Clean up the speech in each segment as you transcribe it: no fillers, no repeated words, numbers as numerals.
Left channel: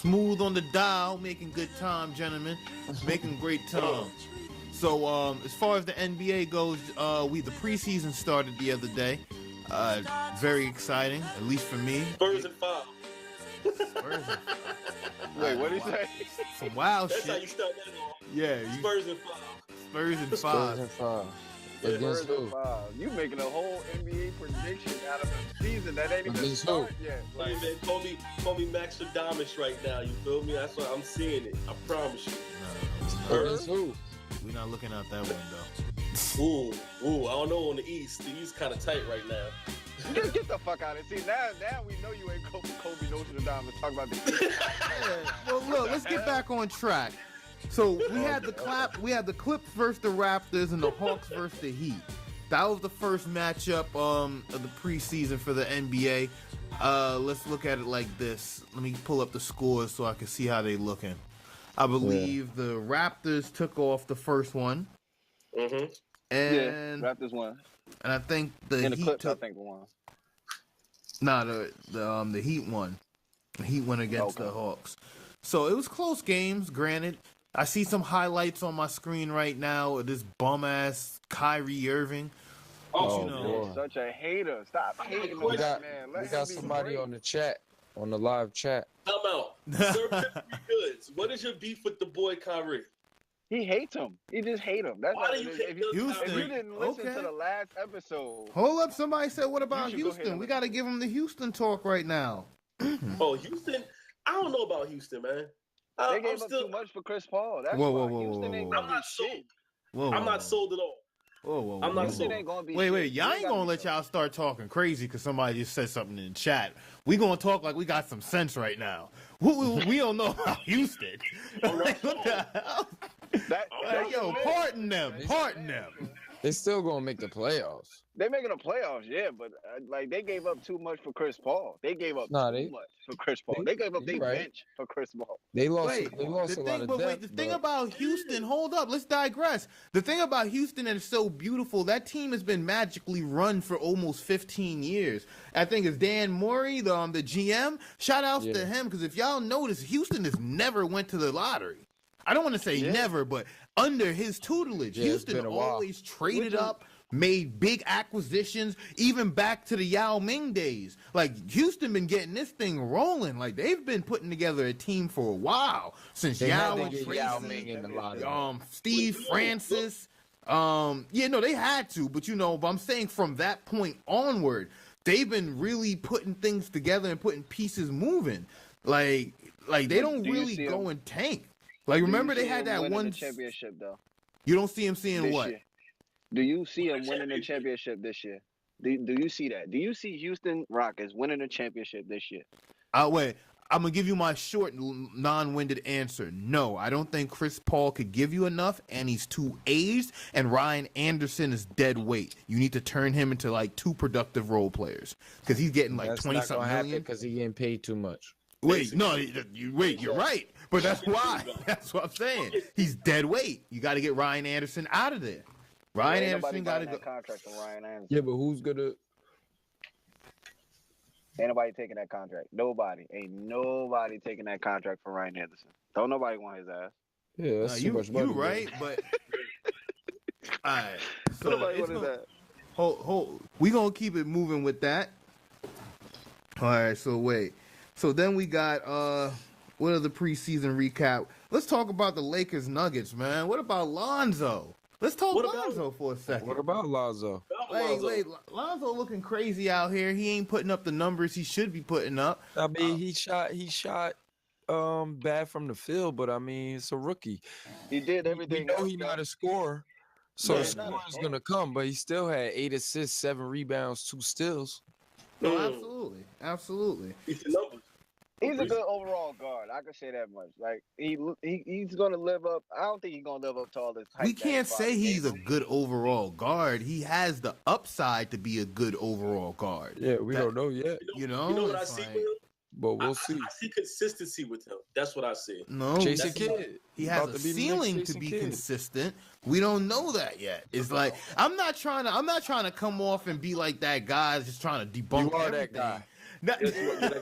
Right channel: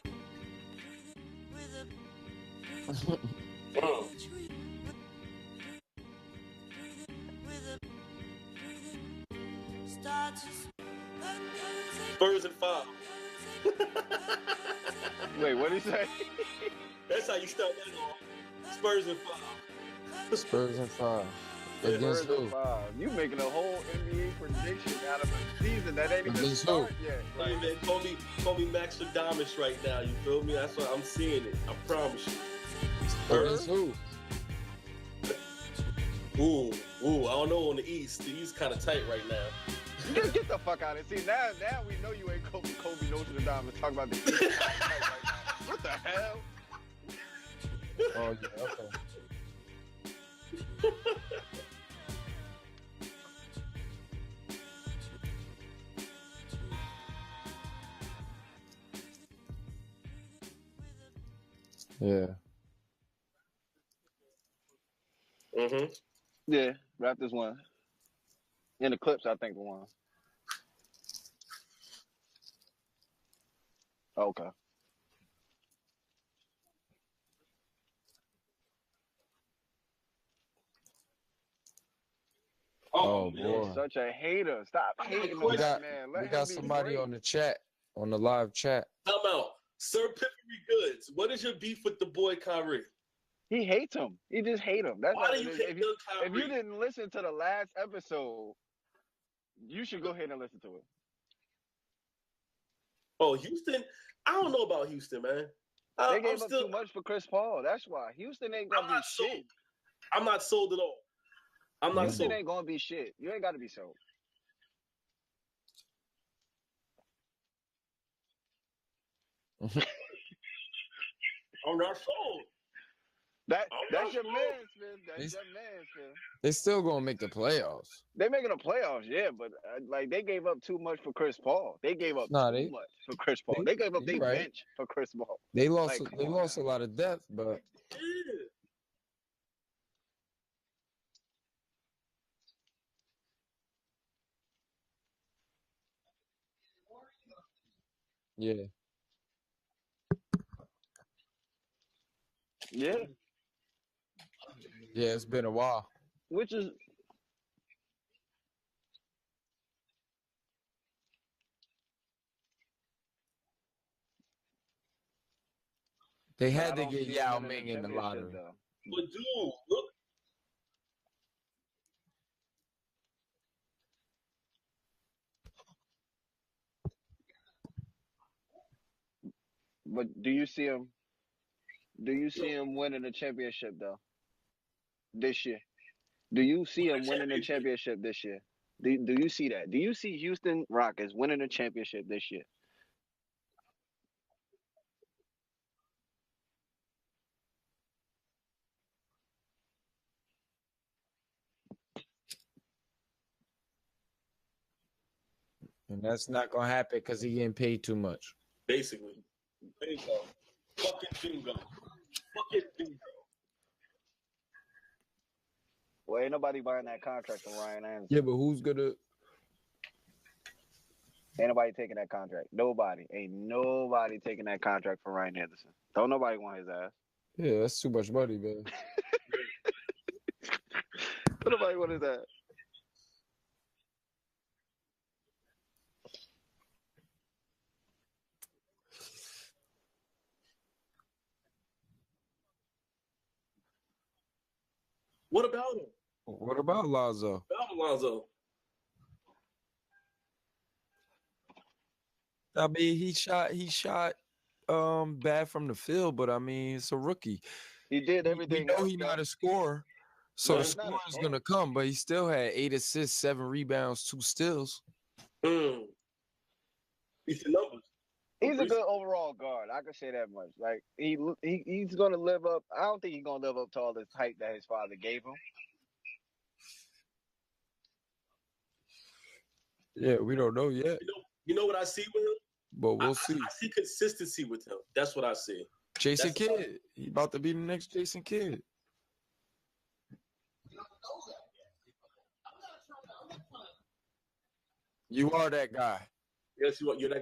Smooth on the dial, making good time, gentlemen. Making great time. So, as far as the NBA goes, the preseason started the other day. Very exciting, at least for me. Spurs and 5. Wait, what did he say? Some wild That's shit. how you start that off. Yeah. Spurs and 5. Spurs and 5. Spurs and 5. Against who? You making a whole NBA prediction out of a season that ain't even Against started yet. Hey, man, call me Max Adamus right now. You feel me? That's what I'm seeing it. I promise you. Against who? We're not looking out that window. Ooh, I don't know on the East. The East kind of tight right now. Get the fuck out of here. See, now we know you ain't Kobe Notre-Dame to talk about the Well, look, let's get back on track. So we had the Clips versus the Raptors and the Hawks versus the Heat. That was the first matchup of the preseason for the NBA. Let's look at it like this. Let me pull up the scores so I can see how they looking. I believe the Raptors took off the first one. Mm-hmm. And Raptors won. And I think the Heat Clips, I think, won. Nah, the Heat won. The Heat went against the Hawks. So it was close games, granted. I see some highlights on my screen right now of this bum-ass Kyrie Irving. Oh, boy. Such a hater. Stop hating on that man. We got somebody on the chat, on the live chat. Time out. Sir Piffery Goodnz, what is your beef with the boy Kyrie? He hates him. He just hates him. That's Why do you hate if you didn't listen to the last episode. Hold up. Somebody said, what about Houston? We got to give him the Houston talk right now. Oh, Houston? I don't know about Houston, man. They gave up too much for Chris Paul. That's why Houston ain't gonna be shit. I'm not sold at all. I'm not sold. Ain't gonna be shit. Wait, y'all ain't gonna let y'all start talking crazy because somebody just said something in the chat. We gonna talk like we got some sense right now. We don't know about Houston. Pardon them. They still gonna make the playoffs. They making the playoffs, yeah, but they gave up too much for Chris Paul. They gave up too much for Chris Paul. They gave up their bench for Chris Paul. They lost a lot of depth. The thing about Houston, hold up, let's digress. The thing about Houston that is so beautiful, that team has been magically run for almost 15 years. I think it's Dan Morey, the GM. Shout outs to him, because if y'all notice, Houston has never went to the lottery. I don't want to say never, but under his tutelage, Houston been a while. Always traded up, made big acquisitions, even back to the Yao Ming days. Like, Houston been getting this thing rolling. Like, they've been putting together a team for a while. Since they had to get Yao Ming in the lottery. Steve Francis. They had to, but but I'm saying from that point onward, they've been really putting things together and putting pieces moving. Like they don't really go and tank. Like, remember they had that one championship though. You don't see him seeing this what? Year. Do you see him winning the championship this year? Do you see that? Do you see Houston Rockets winning the championship this year? Wait. I'm going to give you my short, non-winded answer. No, I don't think Chris Paul could give you enough, and he's too aged, and Ryan Anderson is dead weight. You need to turn him into, like, 2 productive role players, because he's getting, like, 20-something million. That's not going to happen because he's getting paid too much. Wait, no, you're right. But that's why. That's what I'm saying. He's dead weight. You got to get Ryan Anderson out of there. Ryan ain't nobody Anderson buying that contract from Ryan Anderson. Yeah, but who's going to... Ain't nobody taking that contract. Nobody. Ain't nobody taking that contract for Ryan Anderson. Don't nobody want his ass. Yeah, that's too much money. You're right, but... All right. So nobody want his ass. Hold. We going to keep it moving with that. All right, so wait. So then we got... what are the preseason recap? Let's talk about the Lakers Nuggets, man. What about Lonzo? Let's talk Lonzo for a second. What about Lonzo? Wait, Lonzo looking crazy out here. He ain't putting up the numbers he should be putting up. I mean, he shot bad from the field, but I mean, it's a rookie. He did everything. We know he's not a scorer, so the score is gonna come. But he still had 8 assists, 7 rebounds, 2 steals. Absolutely. It's the numbers. He's a good overall guard. I can say that much. Like he's gonna live up. I don't think he's gonna live up to all this hype. We can't say he's a good overall guard. He has the upside to be a good overall guard. Yeah, we don't know yet. You know what I see with him? But we'll see. I see consistency with him. That's what I see. No, Jason Kidd. He has a ceiling to be consistent. We don't know that yet. It's like I'm not trying to come off and be like that guy just trying to debunk. You are that guy. Yes, you got.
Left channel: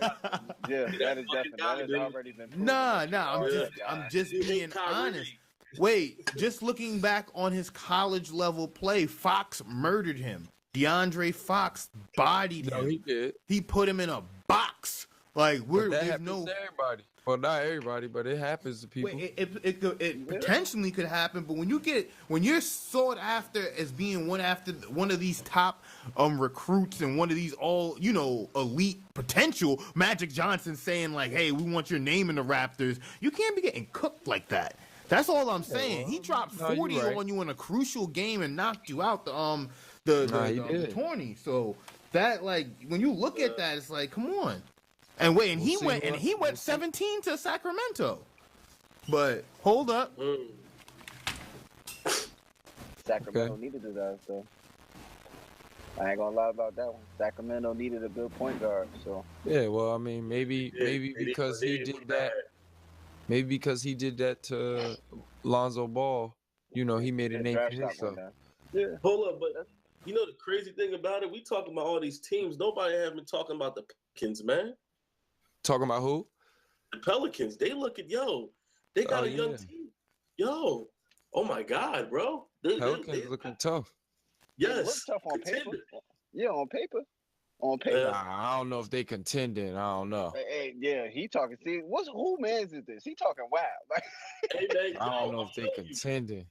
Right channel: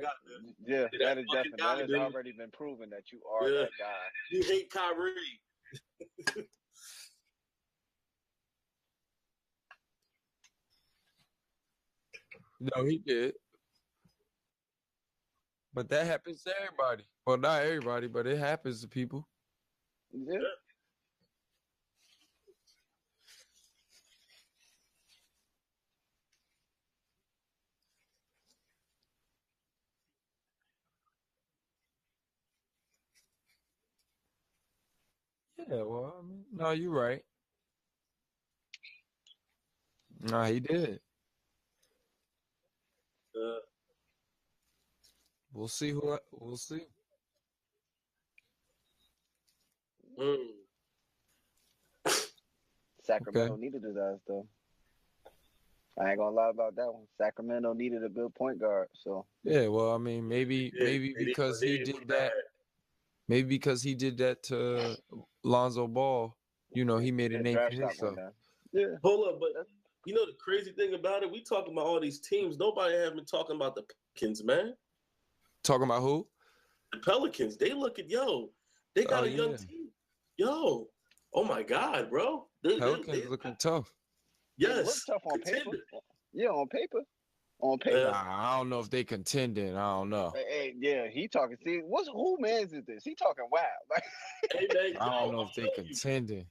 Yeah, that is definitely that has already been proven. I'm just being honest. Wait, just looking back on his college level play, Fox murdered him. DeAndre Fox bodied him. No, he did. He put him in a box. Like that happens to everybody. Well, not everybody, but it happens to people. It potentially could happen, but when you're sought after as being one of these top recruits and one of these elite potential, Magic Johnson saying like, "Hey, we want your name in the Raptors," you can't be getting cooked like that. That's all I'm saying. He dropped 40 on you in a crucial game and knocked you out the tourney. So that, like, when you look at that, it's like, come on. And wait, and he went 17 to Sacramento. But hold up. Sacramento needed his ass though. I ain't gonna lie about that one. Sacramento needed a good point guard. So yeah, well, I mean, maybe because he did that. Maybe because he did that to Lonzo Ball, he made a name for himself. Yeah. Hold up, but the crazy thing about it, we talking about all these teams. Nobody have been talking about the Pelicans, man. Talking about who? The Pelicans. They look at they got a young team. Oh my God, bro. Pelicans looking tough. Yes. They look tough on paper. Yeah, on paper. On paper. I don't know if they contending. I don't know. Hey, yeah, he talking. See, who man's is this? He talking wild. Hey, man, I don't know if they contending.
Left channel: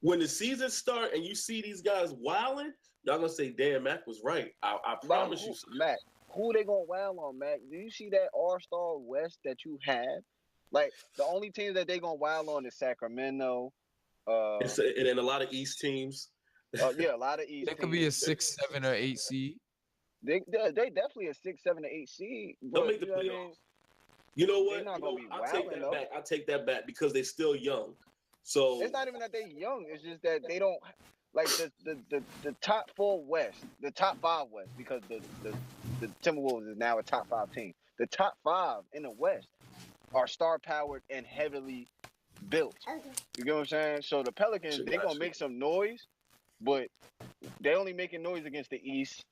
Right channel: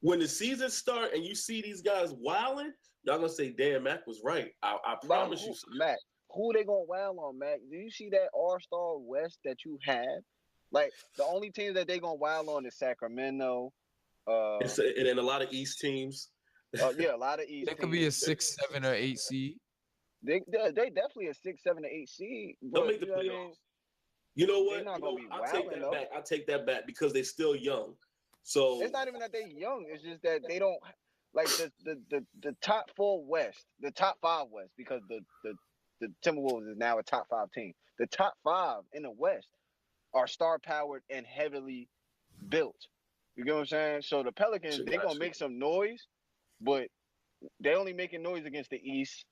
When the season start and you see these guys wilding, y'all gonna say, "Damn, Mac was right." I promise you, Mac. Who they gonna wild on, Mac? Do you see that All-Star West that you have? Like, the only team that they gonna wild on is Sacramento. And then a lot of East teams. Yeah, a lot of East. They could be a 6, 7, or 8 seed. They definitely a 6, 7, or 8 seed. They'll make the playoffs. You know what? I'll take that back. I take that back because they're still young. So it's not even that they're young. It's just that they don't like the top 4 West, the top 5 West, because the Timberwolves is now a top 5 team. The top 5 in the West are star powered and heavily built. You get what I'm saying? So the Pelicans, they're gonna make some noise, but they only making noise against the East.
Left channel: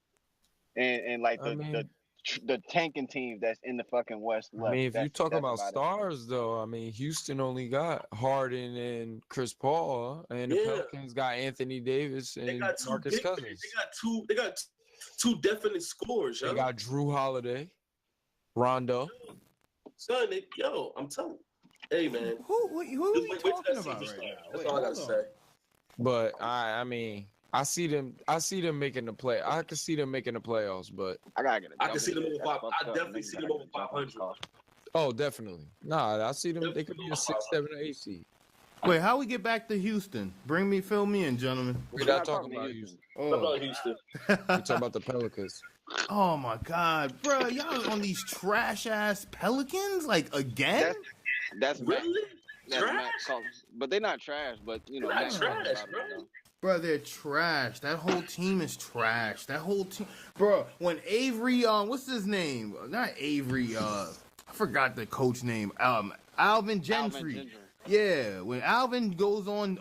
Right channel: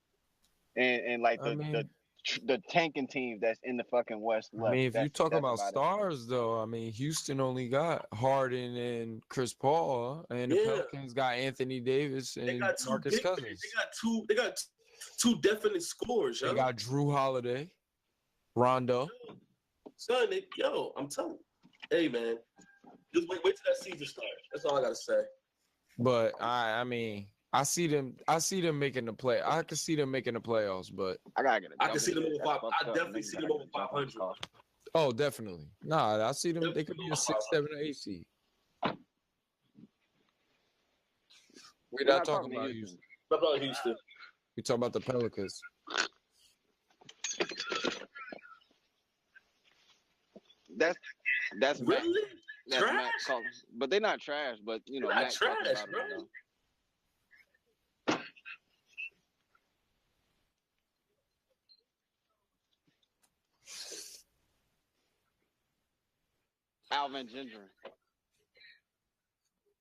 And like the tanking team that's in the fucking West left. I mean, if you talk about stars, though, I mean, Houston only got Harden and Chris Paul, and the Pelicans got Anthony Davis and Marcus Cousins. They got two definite scores. They got Drew Holiday, Rondo. Son, I'm telling you. Hey, man. Who just wait till that season starts. That's all I gotta say. But I mean, I see them making the play. I can see them making the playoffs, but I can see them over 5. I definitely see them over 500. Oh, definitely. Nah, I see them. They could be a 6, 7, or 8 seed. Wait, how we get back to Houston? Fill me in, gentlemen. We're not talking about Houston. We're about Houston. We're talking about the Pelicans. Oh my God, bro! Y'all on these trash ass Pelicans like again? That's really trash. But they're not trash. But they're not trash, bro. Bro, they're trash. That whole team is trash. That whole team, bro. When Avery, what's his name? Not Avery. I forgot the coach name. Alvin Gentry. Yeah, when Alvin goes on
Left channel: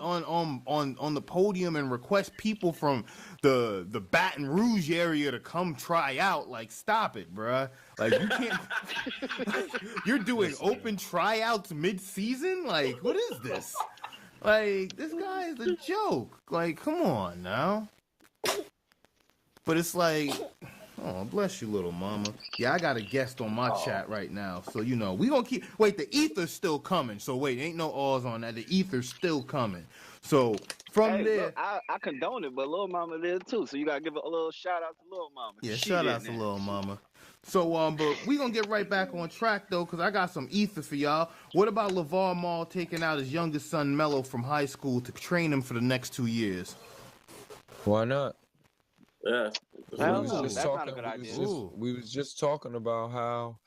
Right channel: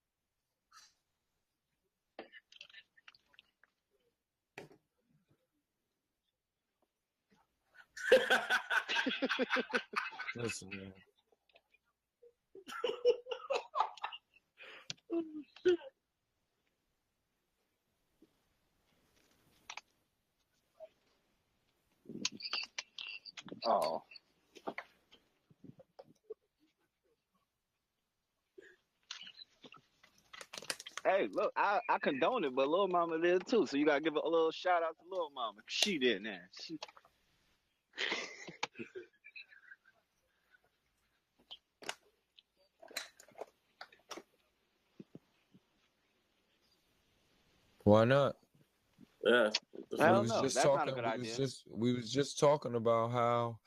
the podium and requests people from the Baton Rouge area to come try out, like, stop it, bruh. Like, you can't. You're doing open tryouts mid-season. Like, what is this? Like, this guy is a joke. Like, come on now. But it's like, oh, bless you, little mama. Yeah, I got a guest on my chat right now. So, we gonna keep, wait, the ether's still coming. So, wait, ain't no O's on that. The ether's still coming. So, from there. Look, I condone it, but little mama did too. So, you gotta give a little shout out to little mama. Yeah, shout out to little mama. So, but we gonna get right back on track, though, because I got some ether for y'all. What about Lavar taking out his youngest son, Melo, from high school to train him for the next 2 years? Why not? Yeah. We was just talking about how,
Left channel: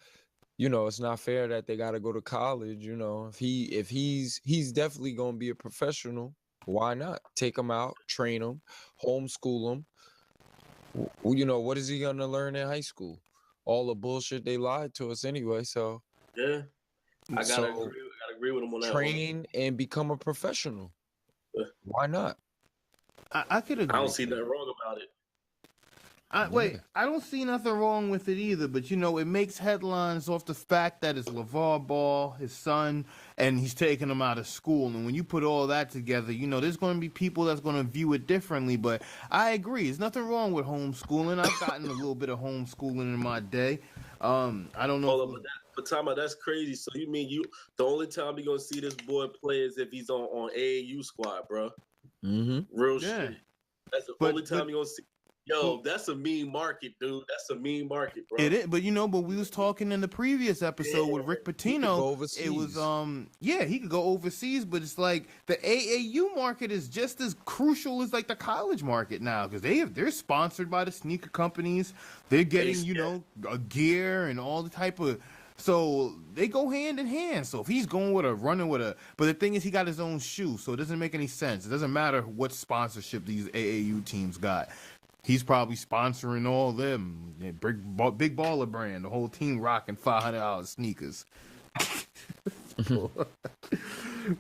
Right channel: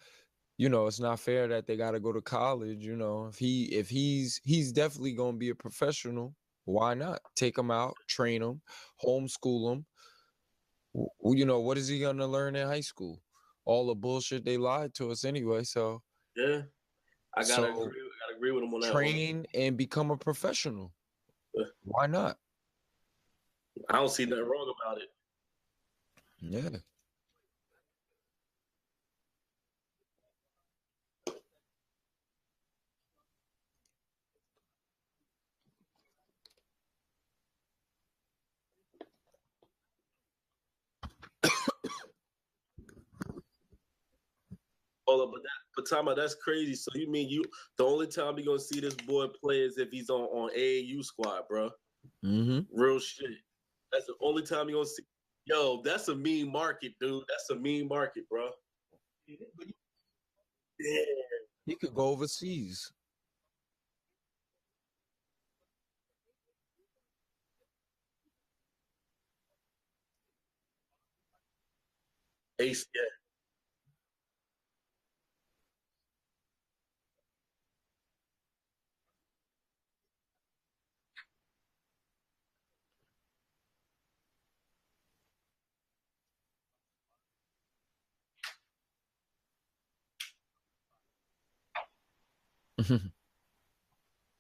it's not fair that they got to go to college. If he's definitely going to be a professional, why not take him out, train him, homeschool him? What is he going to learn in high school? All the bullshit they lied to us anyway. So yeah, I gotta agree with him on that. Train and become a professional. Why not? I could agree. I don't see nothing wrong about it. Wait, I don't see nothing wrong with it either, but it makes headlines off the fact that it's LeVar Ball, his son, and he's taking him out of school. And when you put all that together, there's going to be people that's going to view it differently. But I agree, there's nothing wrong with homeschooling. I've gotten a little bit of homeschooling in my day. I don't know. Hold up, but Tama, that's crazy. So you mean the only time you're gonna see this boy play is if he's on AAU squad, bro? Mm-hmm. Real shit. That's the only time you're gonna see. Yo, that's a mean market, dude. That's a mean market, bro. It is, but but we was talking in the previous episode with Rick Pitino. Go overseas. It was he could go overseas, but it's like the AAU market is just as crucial as like the college market now because they're sponsored by the sneaker companies. They're getting a gear and all the type of. So they go hand in hand. So if he's going but the thing is he got his own shoe, so it doesn't make any sense. It doesn't matter what sponsorship these AAU teams got. He's probably sponsoring all them. Big Baller Brand, the whole team rocking $500 sneakers.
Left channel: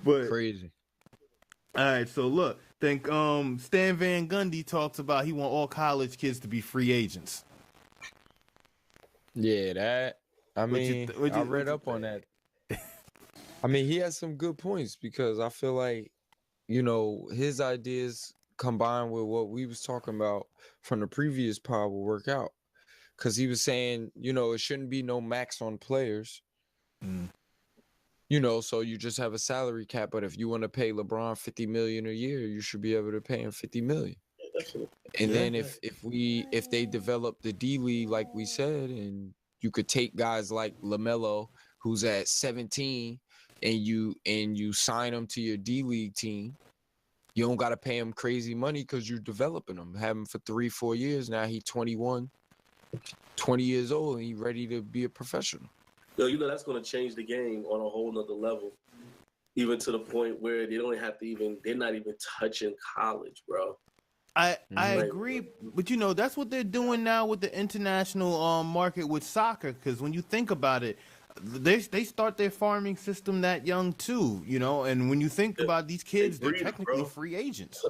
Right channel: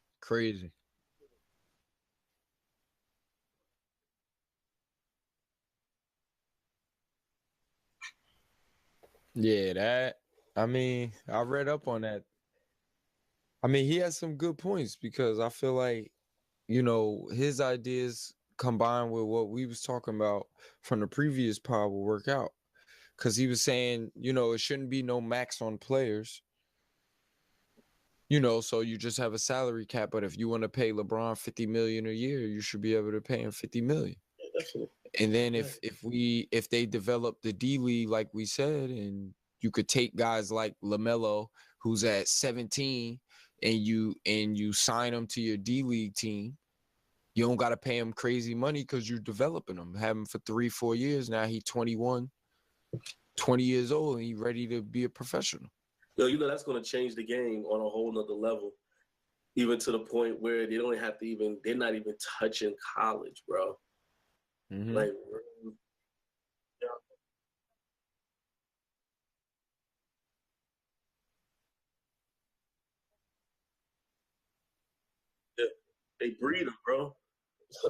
But crazy. All right, so look, think Stan Van Gundy talks about he want all college kids to be free agents. Yeah, I read up on that. I mean, he has some good points because I feel like, his ideas combined with what we was talking about from the previous pod will work out. Because he was saying, it shouldn't be no max on players. So you just have a salary cap. But if you want to pay LeBron $50 million a year, you should be able to pay him $50 million. And then if they develop the D League like we said, and you could take guys like LaMelo, who's at 17, and you sign him to your D League team. You don't got to pay him crazy money because you're developing him. Have him for 3-4 years. Now he's 21, 20 years old, and he's ready to be a professional. Yo, that's going to change the game on a whole nother level. Even to the point where they're not even touching college, bro. I agree, but that's what they're doing now with the international market with soccer. Because when you think about it, they start their farming system that young too, And when you think about these kids, they're technically free agents.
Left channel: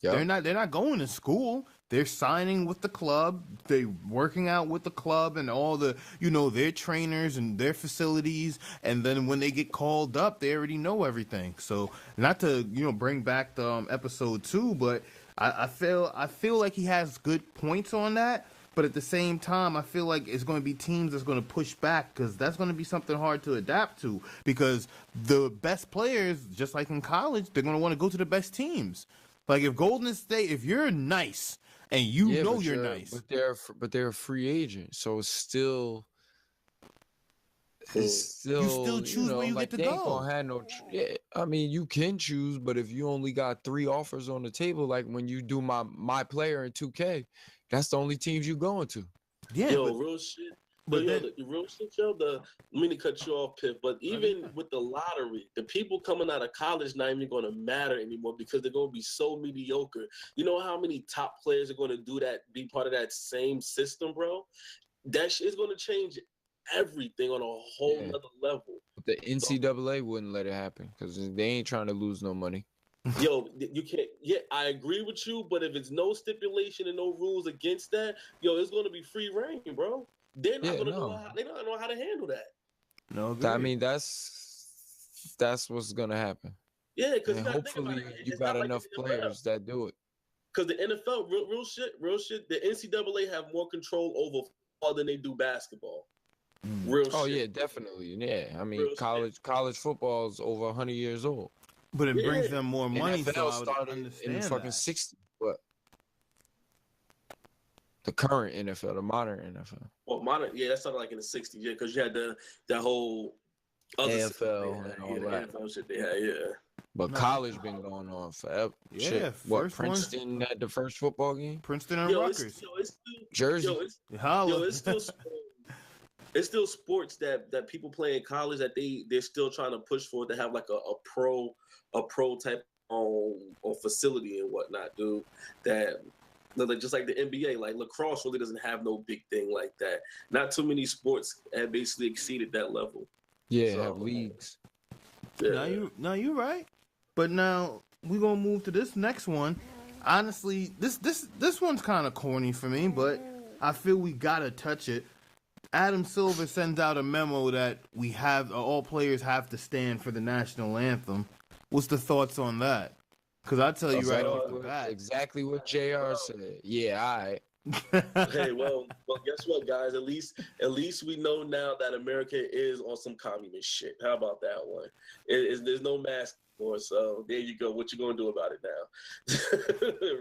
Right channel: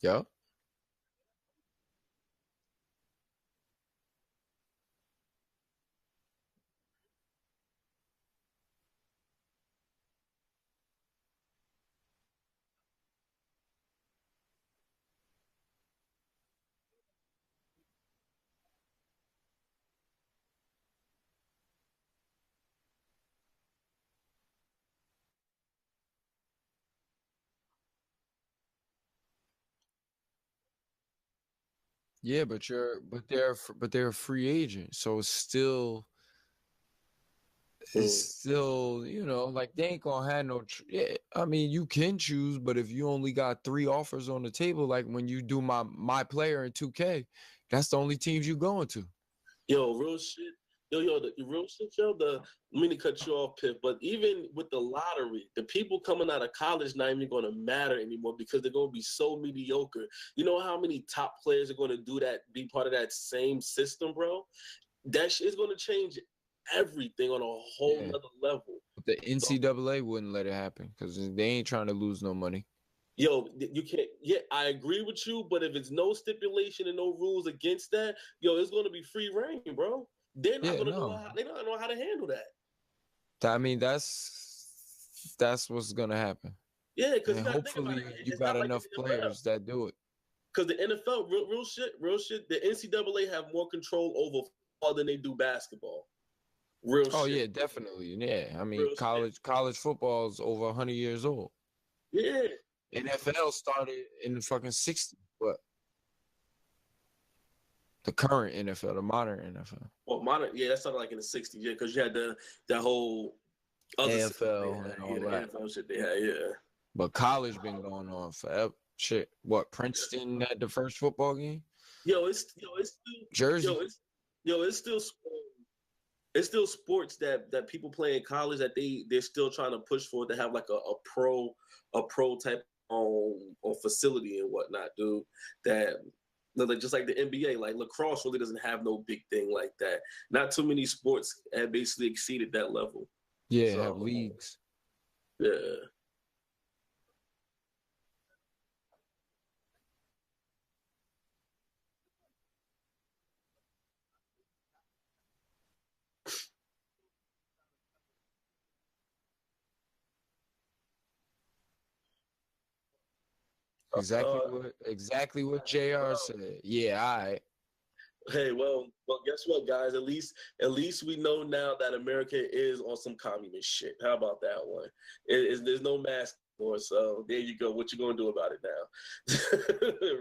Yeah, they're not going to school. They're signing with the club. They're working out with the club and all the their trainers and their facilities. And then when they get called up, they already know everything. So not to bring back the episode 2, but I feel like he has good points on that. But at the same time, I feel like it's going to be teams that's going to push back because that's going to be something hard to adapt to because the best players, just like in college, they're going to want to go to the best teams. Like if Golden State, if you're nice and you're nice. But they're a free agent, so it's still like they ain't going to have no I mean, you can choose, but if you only got 3 offers on the table, like when you do my player in 2K, that's the only teams you going to. Yeah, real shit. The real shit, let me cut you off, Piff. But even with the lottery, the people coming out of college not even going to matter anymore because they're going to be so mediocre. You know how many top players are going to do that, be part of that same system, bro? That shit is going to change everything on a whole other level. The NCAA wouldn't let it happen because they ain't trying to lose no money. Yo, you can't. Yeah, I agree with you, but if it's no stipulation and no rules against that, it's going to be free reign, bro. They're not going to know. They don't know how to handle that. No, I mean that's what's going to happen. Yeah, because hopefully you got enough players that do it. Because the NFL, real shit. The NCAA have more control over football than they do basketball. Real shit. Oh yeah, definitely. Yeah, I mean college football is over 100 years old. But it brings them more money. NFL started in the fucking 60s. What? The current NFL, the modern NFL. Well, that started like in the 60s, yeah, because you had that whole other AFL and all that. NFL shit they had, yeah. But college been going on forever. Yeah, shit. What, Princeton had the first football game? Princeton and Rutgers. Jersey. It's still sports that people play in college that they're still trying to push for to have like a pro type on facility and whatnot, dude. That just like the NBA, like lacrosse really doesn't have no big thing like that. Not too many sports have basically exceeded that level. Yeah, have leagues. Yeah. Now you're right. But now we're gonna move to this next one. honestly, this one's kind of corny for me, but I feel we gotta touch it. Adam Silver sends out a memo that all players have to stand for the national anthem. What's the thoughts on that? Because I tell you exactly what JR said. Yeah, all right. Hey, well, guess what, guys? At least we know now that America is on some communist shit. How about that one? There's no mask anymore, so there you go. What you gonna do about it now?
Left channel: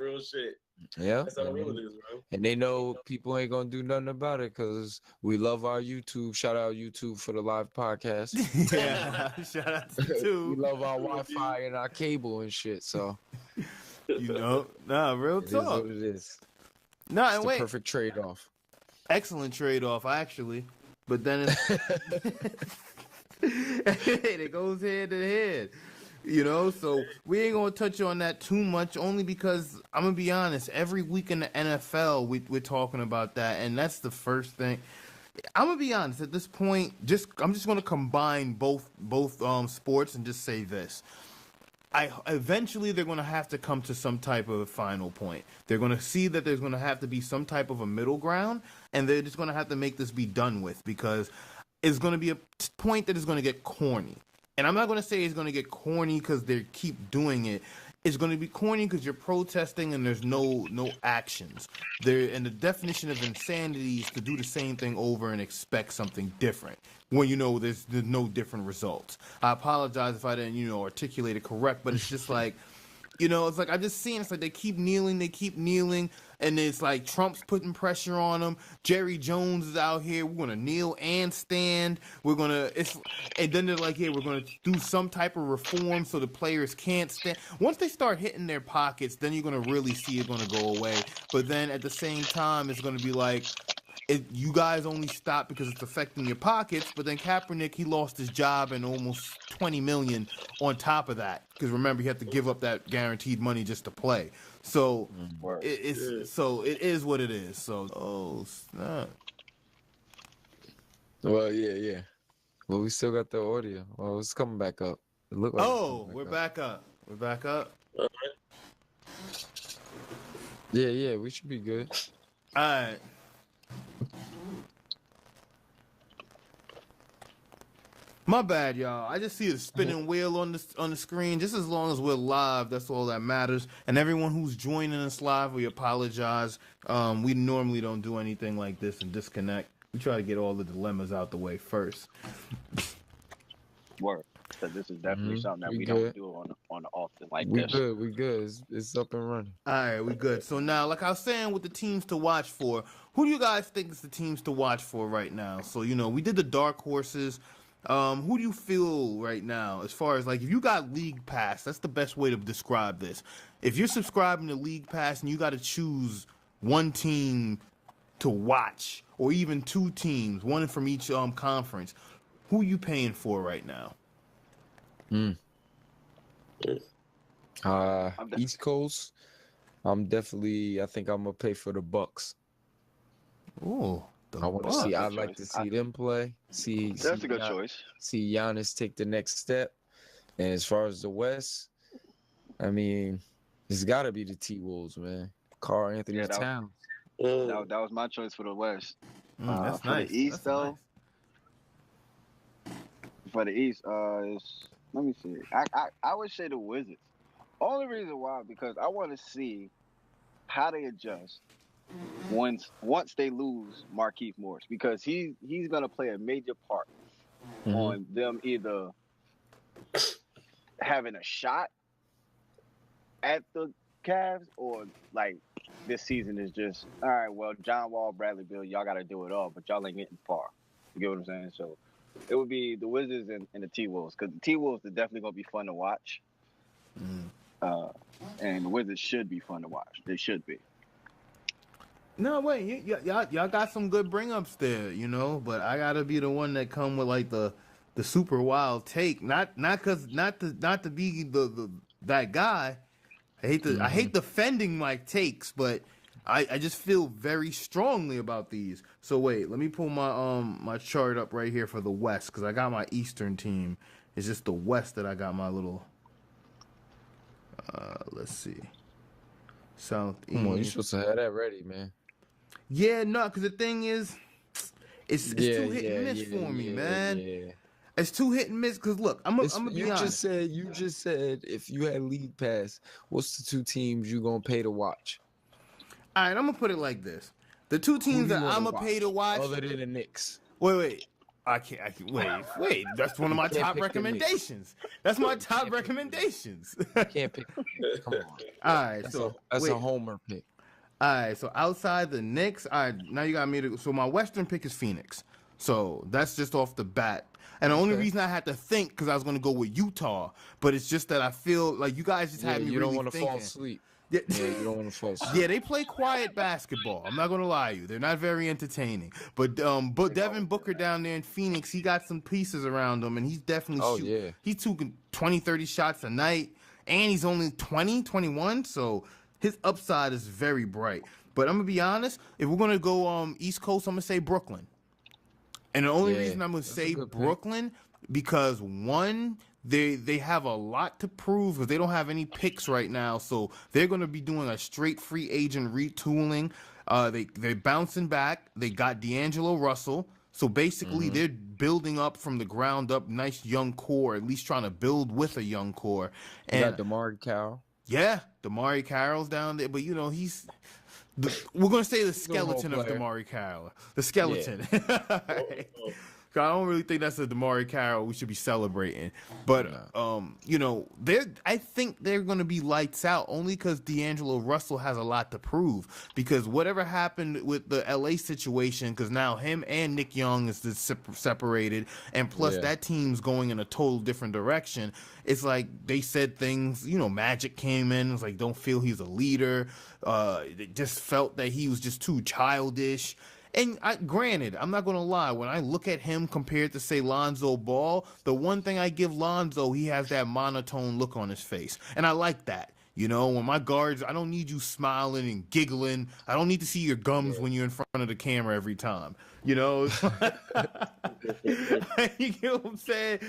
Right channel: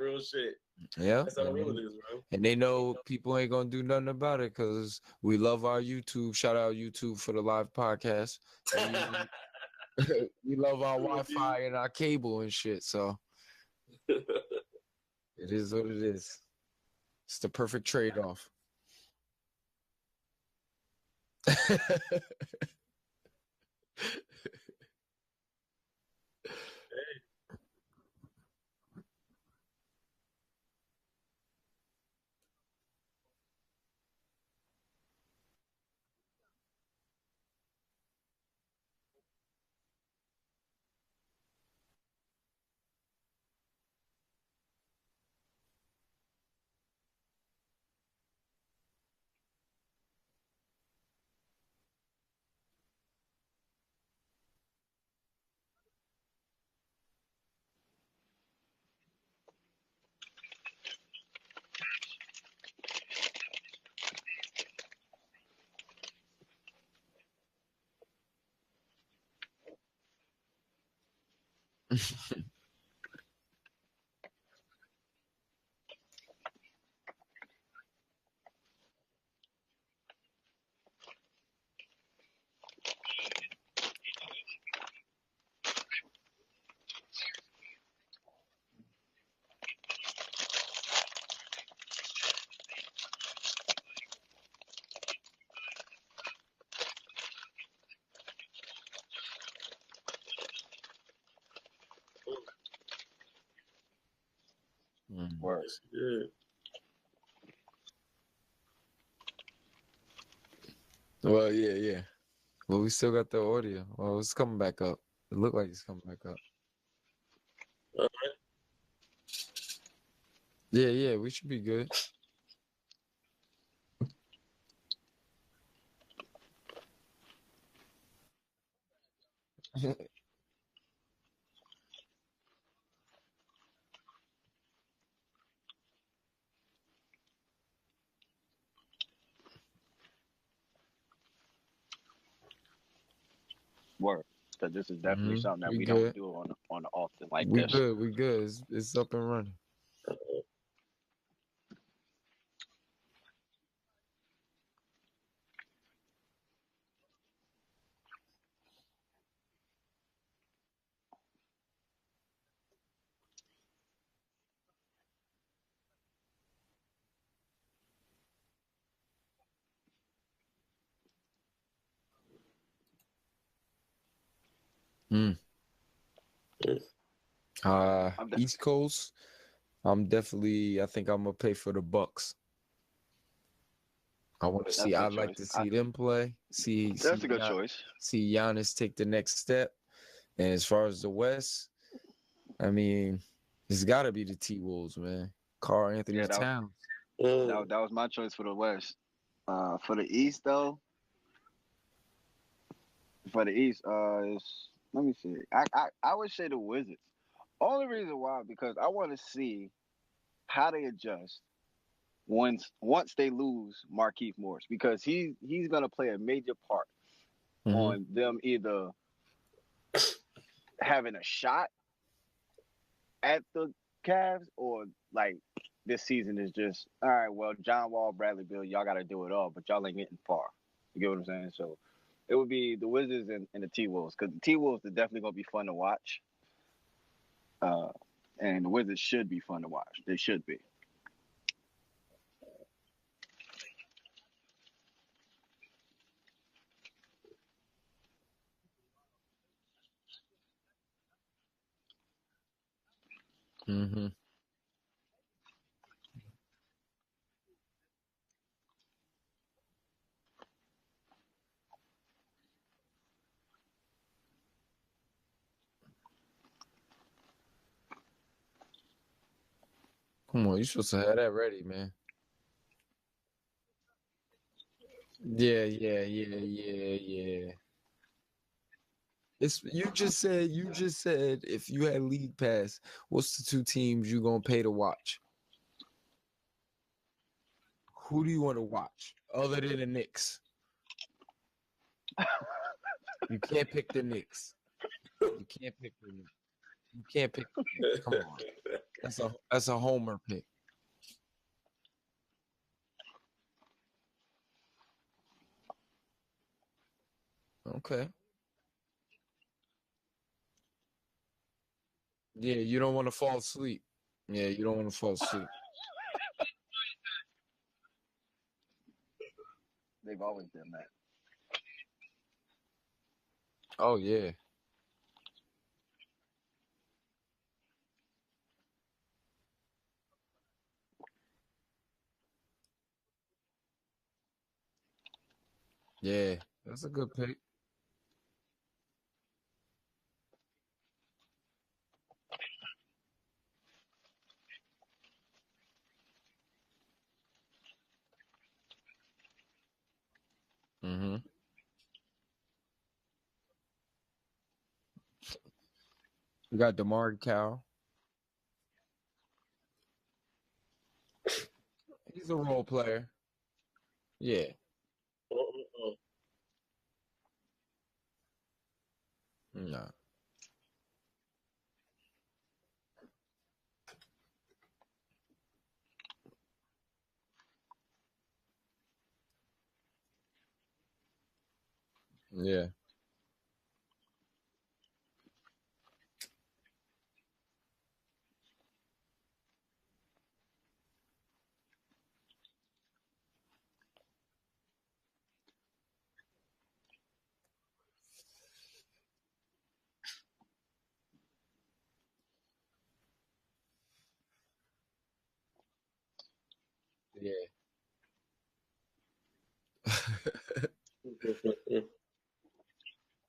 Real shit. Yeah, that's how real it is, bro. And they know people ain't gonna do nothing about it because we love our YouTube. Shout out YouTube for the live podcast. Shout out to YouTube. We love our Wi-Fi and our cable and shit. So real talk. It is what it is. No, it's the perfect trade-off. Excellent trade-off, actually. But then it goes hand in hand. So we ain't gonna touch on that too much, only because I'm gonna be honest. Every week in the NFL, we're talking about that, and that's the first thing. I'm gonna be honest. At this point, I'm just gonna combine both sports and just say this. Eventually they're going to have to come to some type of final point. They're going to see that there's going to have to be some type of a middle ground, and they're just going to have to make this be done with, because it's going to be a point that is going to get corny. And I'm not going to say it's going to get corny because they keep doing it. It's going to be corny because you're protesting and there's no actions. And the definition of insanity is to do the same thing over and expect something different when there's no different results. I apologize if I didn't articulate it correct, but it's just like it's like I just seen it's like they keep kneeling, and it's like Trump's putting pressure on them. Jerry Jones is out here. We're gonna kneel and stand. And then they're like, we're gonna do some type of reform so the players can't stand. Once they start hitting their pockets, then you're gonna really see it gonna go away. But then at the same time, it's gonna be like, you guys only stop because it's affecting your pockets. But then Kaepernick, he lost his job and almost $20 million on top of that, because remember, he had to give up that guaranteed money just to play. So it is what it is. So snap. Well, yeah. Well, we still got the audio. Well, it's coming back up. It looked like we're back up. We're back up. Okay. Yeah, we should be good. All right. My bad, y'all. I just see a spinning wheel on the screen. Just as long as we're live, that's all that matters. And everyone who's joining us live, we apologize. We normally don't do anything like this and disconnect. We try to get all the dilemmas out the way first. Word. So this is definitely something that we don't do on the often like this. We good. It's up and running. All right, we good. So now, like I was saying, with the teams to watch for, who do you guys think is the teams to watch for right now? So we did the dark horses. Who do you feel right now as far as, like, if you got League Pass, that's the best way to describe this. If you're subscribing to League Pass and you got to choose one team to watch, or even two teams, one from each conference, who are you paying for right now? East Coast, I think I'm gonna pay for the Bucks. Oh. I want to see. I'd like to see them play. That's a good choice. See Giannis take the next step. And as far as the West, I mean, it's got to be the T-Wolves, man. Karl Anthony Towns. That was my choice for the West. For the East, though. For the East, let me see. I would say the Wizards. Only reason why, because I want to see how they adjust once they lose Markieff Morris, because he's gonna play a major part on them either having a shot at the Cavs, or like this season is just all right. Well, John Wall, Bradley Beal, y'all got to do it all, but y'all ain't getting far. You get what I'm saying? So it would be the Wizards and the T-Wolves, because the T-Wolves are definitely gonna be fun to watch, and the Wizards should be fun to watch. They should be. No, wait, y'all got some good bring-ups there, but I gotta be the one that come with like the super wild take, not to be that guy. I hate defending my takes, but I just feel very strongly about these. So wait, let me pull my chart up right here for the West, because I got my Eastern team. It's just the West that I got my little. Let's see. Southeast. Come on, you supposed to have that ready, man. Yeah, no, because the thing is, it's too hit and miss for me, man. Yeah. It's too hit and miss. Because look, I'm gonna be honest. You just said if you had league pass, what's the 2 teams you gonna pay to watch? All right, I'm gonna put it like this: the 2 teams that I'm gonna pay to watch, other than the Knicks. Wait. I can't. Wait. That's one of my top recommendations. That's my top recommendations. You can't pick. Come on. All right, that's a homer pick. All right, so outside the Knicks, all right, now you got me to. So my Western pick is Phoenix. So that's just off the bat. And the only reason I had to think because I was going to go with Utah, but it's just that I feel like you guys just had me. You don't really want to fall asleep. Yeah, you don't want to fall asleep. Yeah, they play quiet basketball. I'm not gonna lie to you. They're not very entertaining. But Devin Booker down there in Phoenix, he got some pieces around him, and he's definitely he's taking 20, 30 shots a night, and he's only 20, 21, so his upside is very bright. But I'm gonna be honest, if we're gonna go East Coast, I'm gonna say Brooklyn. And the only reason I'm gonna say Brooklyn because one, they have a lot to prove because they don't have any picks right now, so they're going to be doing a straight free agent retooling. They're bouncing back. They got D'Angelo Russell, so basically they're building up from the ground up. Nice young core, at least trying to build with a young core. And you got DeMar Carroll. Yeah, DeMar Carroll's down there, but we're going to say the skeleton of DeMar Carroll. The skeleton. Yeah. I don't really think that's a DeMar Carroll we should be celebrating. But, I think they're going to be lights out only because D'Angelo Russell has a lot to prove. Because whatever happened with the L.A. situation, because now him and Nick Young is separated, and plus that team's going in a total different direction. It's like they said things, Magic came in, it's like, don't feel he's a leader. They just felt that he was just too childish. And granted, I'm not going to lie, when I look at him compared to, say, Lonzo Ball, the one thing I give Lonzo, he has that monotone look on his face. And I like that. When my guards, I don't need you smiling and giggling. I don't need to see your gums when you're in front of the camera every time. You get what I'm saying?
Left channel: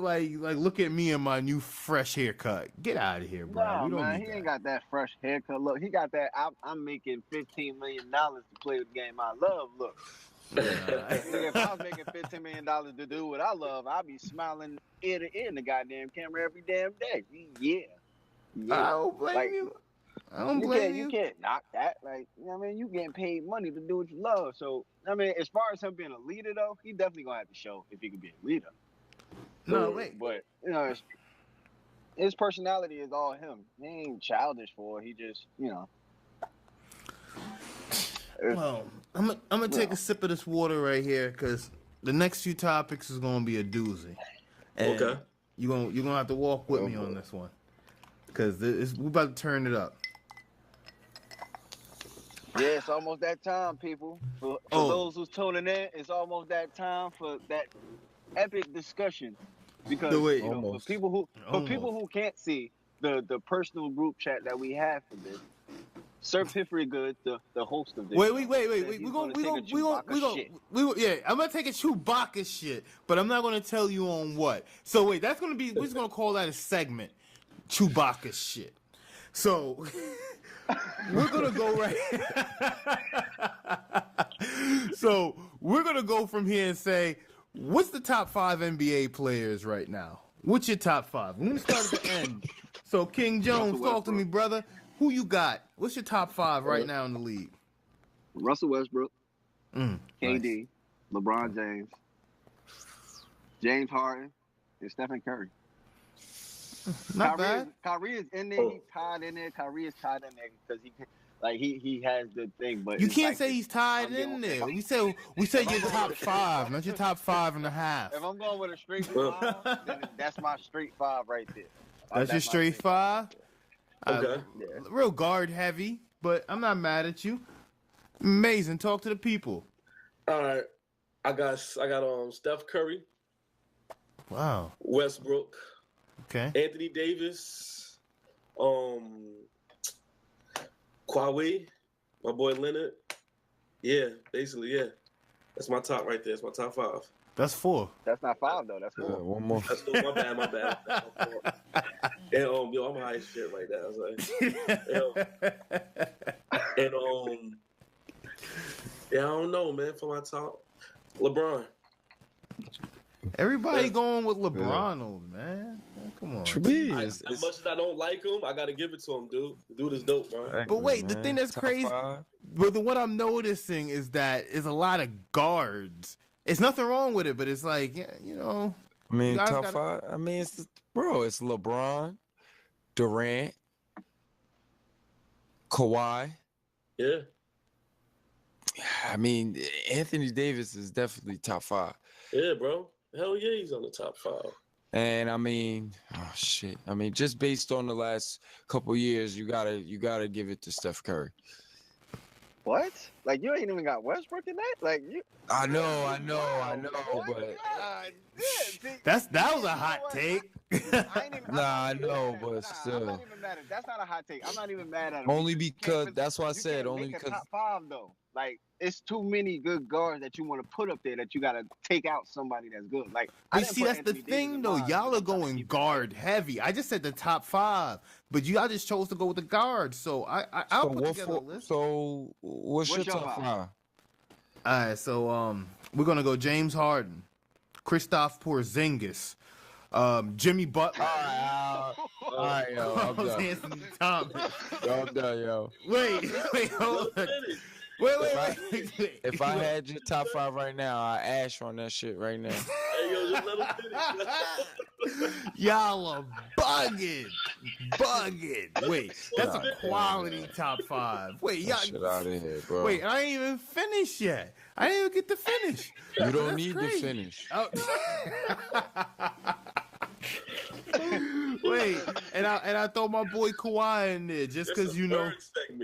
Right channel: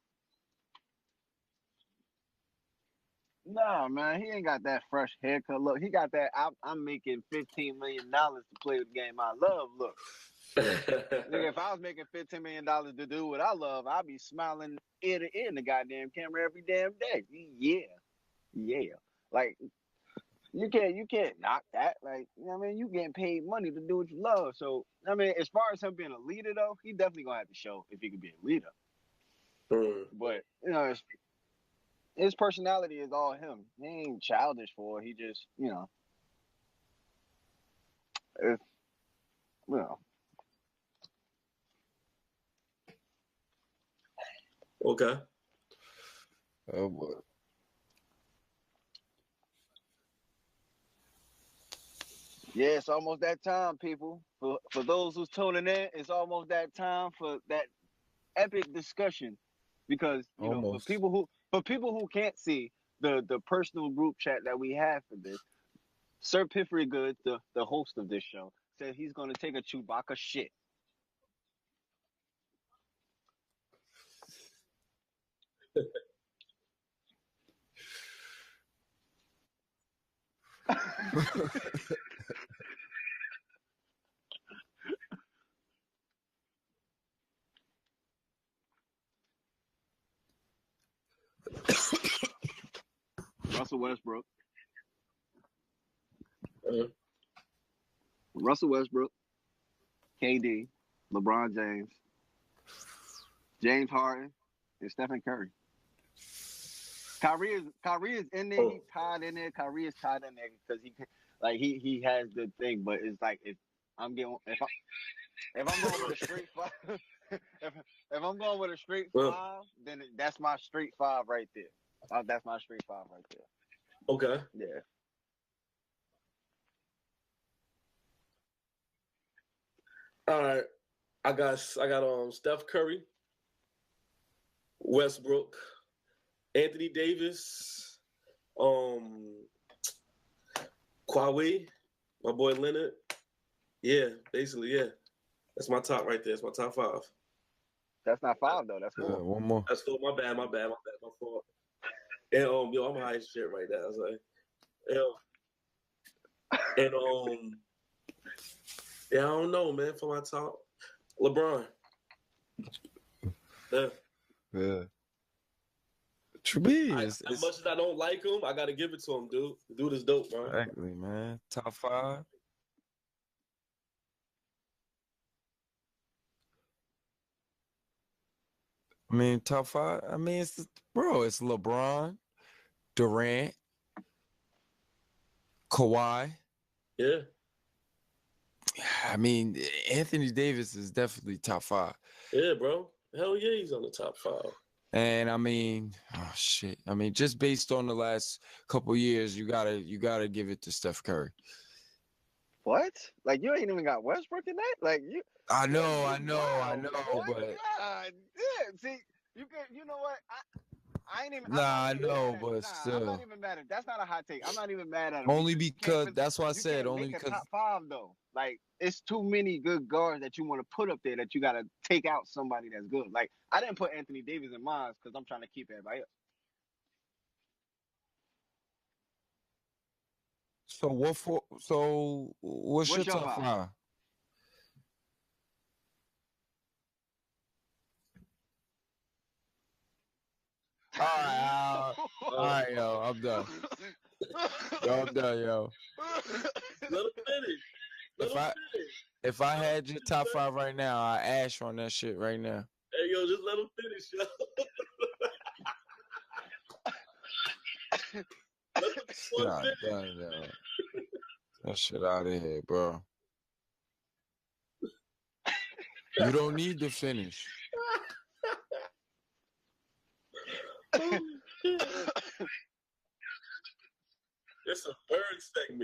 Like look at me and my new fresh haircut. Get out of here, bro. Nah, man, he ain't got that fresh haircut. Look, he got that. I'm making $15 million to play the game I love. Look, if I was making $15 million to do what I love, I'd be smiling ear to ear in the goddamn camera every damn day. Yeah. I don't blame you. You can't knock that. Like, you getting paid money to do what you love. So, as far as him being a leader, though, he definitely gonna have to show if he can be a leader. But his personality is all him. He ain't childish for it. He just, Well, I'm gonna take a sip of this water right here because the next few topics is gonna be a doozy. And okay. You're gonna have to walk with me on this one because we're about to turn it up. Yeah, it's almost that time, people. For those who's tuning in, it's almost that time for that epic discussion. Because for people who can't see the personal group chat that we have for this, Sir Piffery Goodness, the host of this. Wait. We're gonna take a Chewbacca shit. I'm gonna take a Chewbacca shit, but I'm not gonna tell you on what. So wait, that's gonna be. We're just gonna call that a segment, Chewbacca shit. So. We're gonna go right. So we're gonna go from here and say, what's the top 5 NBA players right now? What's your top 5? Let me start at the end. So King Jones, talk to me, brother. Who you got? What's your top 5 right now in the league? Russell Westbrook, KD, LeBron James, James Harden, and Stephen Curry. Kyrie is in there. He's tied in there. Kyrie is tied in there because he has the thing. But you can't say he's tied in there. We say your top 5, not your top 5.5. If I'm going with a straight 5, then that's my straight 5 right there. That's your straight 5. Okay. Real guard heavy, but I'm not mad at you. Amazing. Talk to the people. All right. I got Steph Curry. Wow. Westbrook. Okay. Anthony Davis, Kawhi, my boy Leonard. Yeah, basically, yeah. That's my top right there. It's my top 5. That's 4. That's not 5 though. That's 4. One more. That's still my bad. My fault. And yo, I'm high as shit right now. And yeah, I don't know, man. For my top, LeBron. Everybody going with LeBron, man. Come on. As much as I don't like him, I gotta give it to him, dude. The dude is dope, bro. But wait, the thing that's crazy, but what I'm noticing is that it's a lot of guards. It's nothing wrong with it, but it's like, you know. I mean, top 5. I mean, it's LeBron, Durant, Kawhi. Yeah. I mean, Anthony Davis is definitely top 5. Yeah, bro. Hell yeah, he's on the top 5. And I mean, oh shit. I mean, just based on the last couple years, you gotta give it to Steph Curry. What? Like you ain't even got Westbrook in that? Like you? I know, but that was a hot take. I know, but still. I'm not even mad at. That's not a hot take. I'm not even mad at him. Only because that's why I said only because top 5 though. Like it's too many good guards that you want to put up there that you got to take out somebody that's good. Like I didn't put that's Anthony the thing Davis though. Y'all are going guard heavy. I just said the top 5, but y'all just chose to go with the guards. So what's your top 5? All right, so we're gonna go James Harden, Krisptoph Porzingis, Jimmy Butler. All right, yo, I'm done. I'm done, yo. Wait, hold on. Wait. If I had your top 5 right now, I'd ash on that shit right now. Hey, yo, just let him finish. Y'all are bugging. Wait, that's a quality top 5. Wait, y'all. Shit out of here, bro. Wait, I ain't even finished yet. I didn't even get to finish. You don't need to finish. Oh. Wait, and I throw my boy Kawhi in there just because you know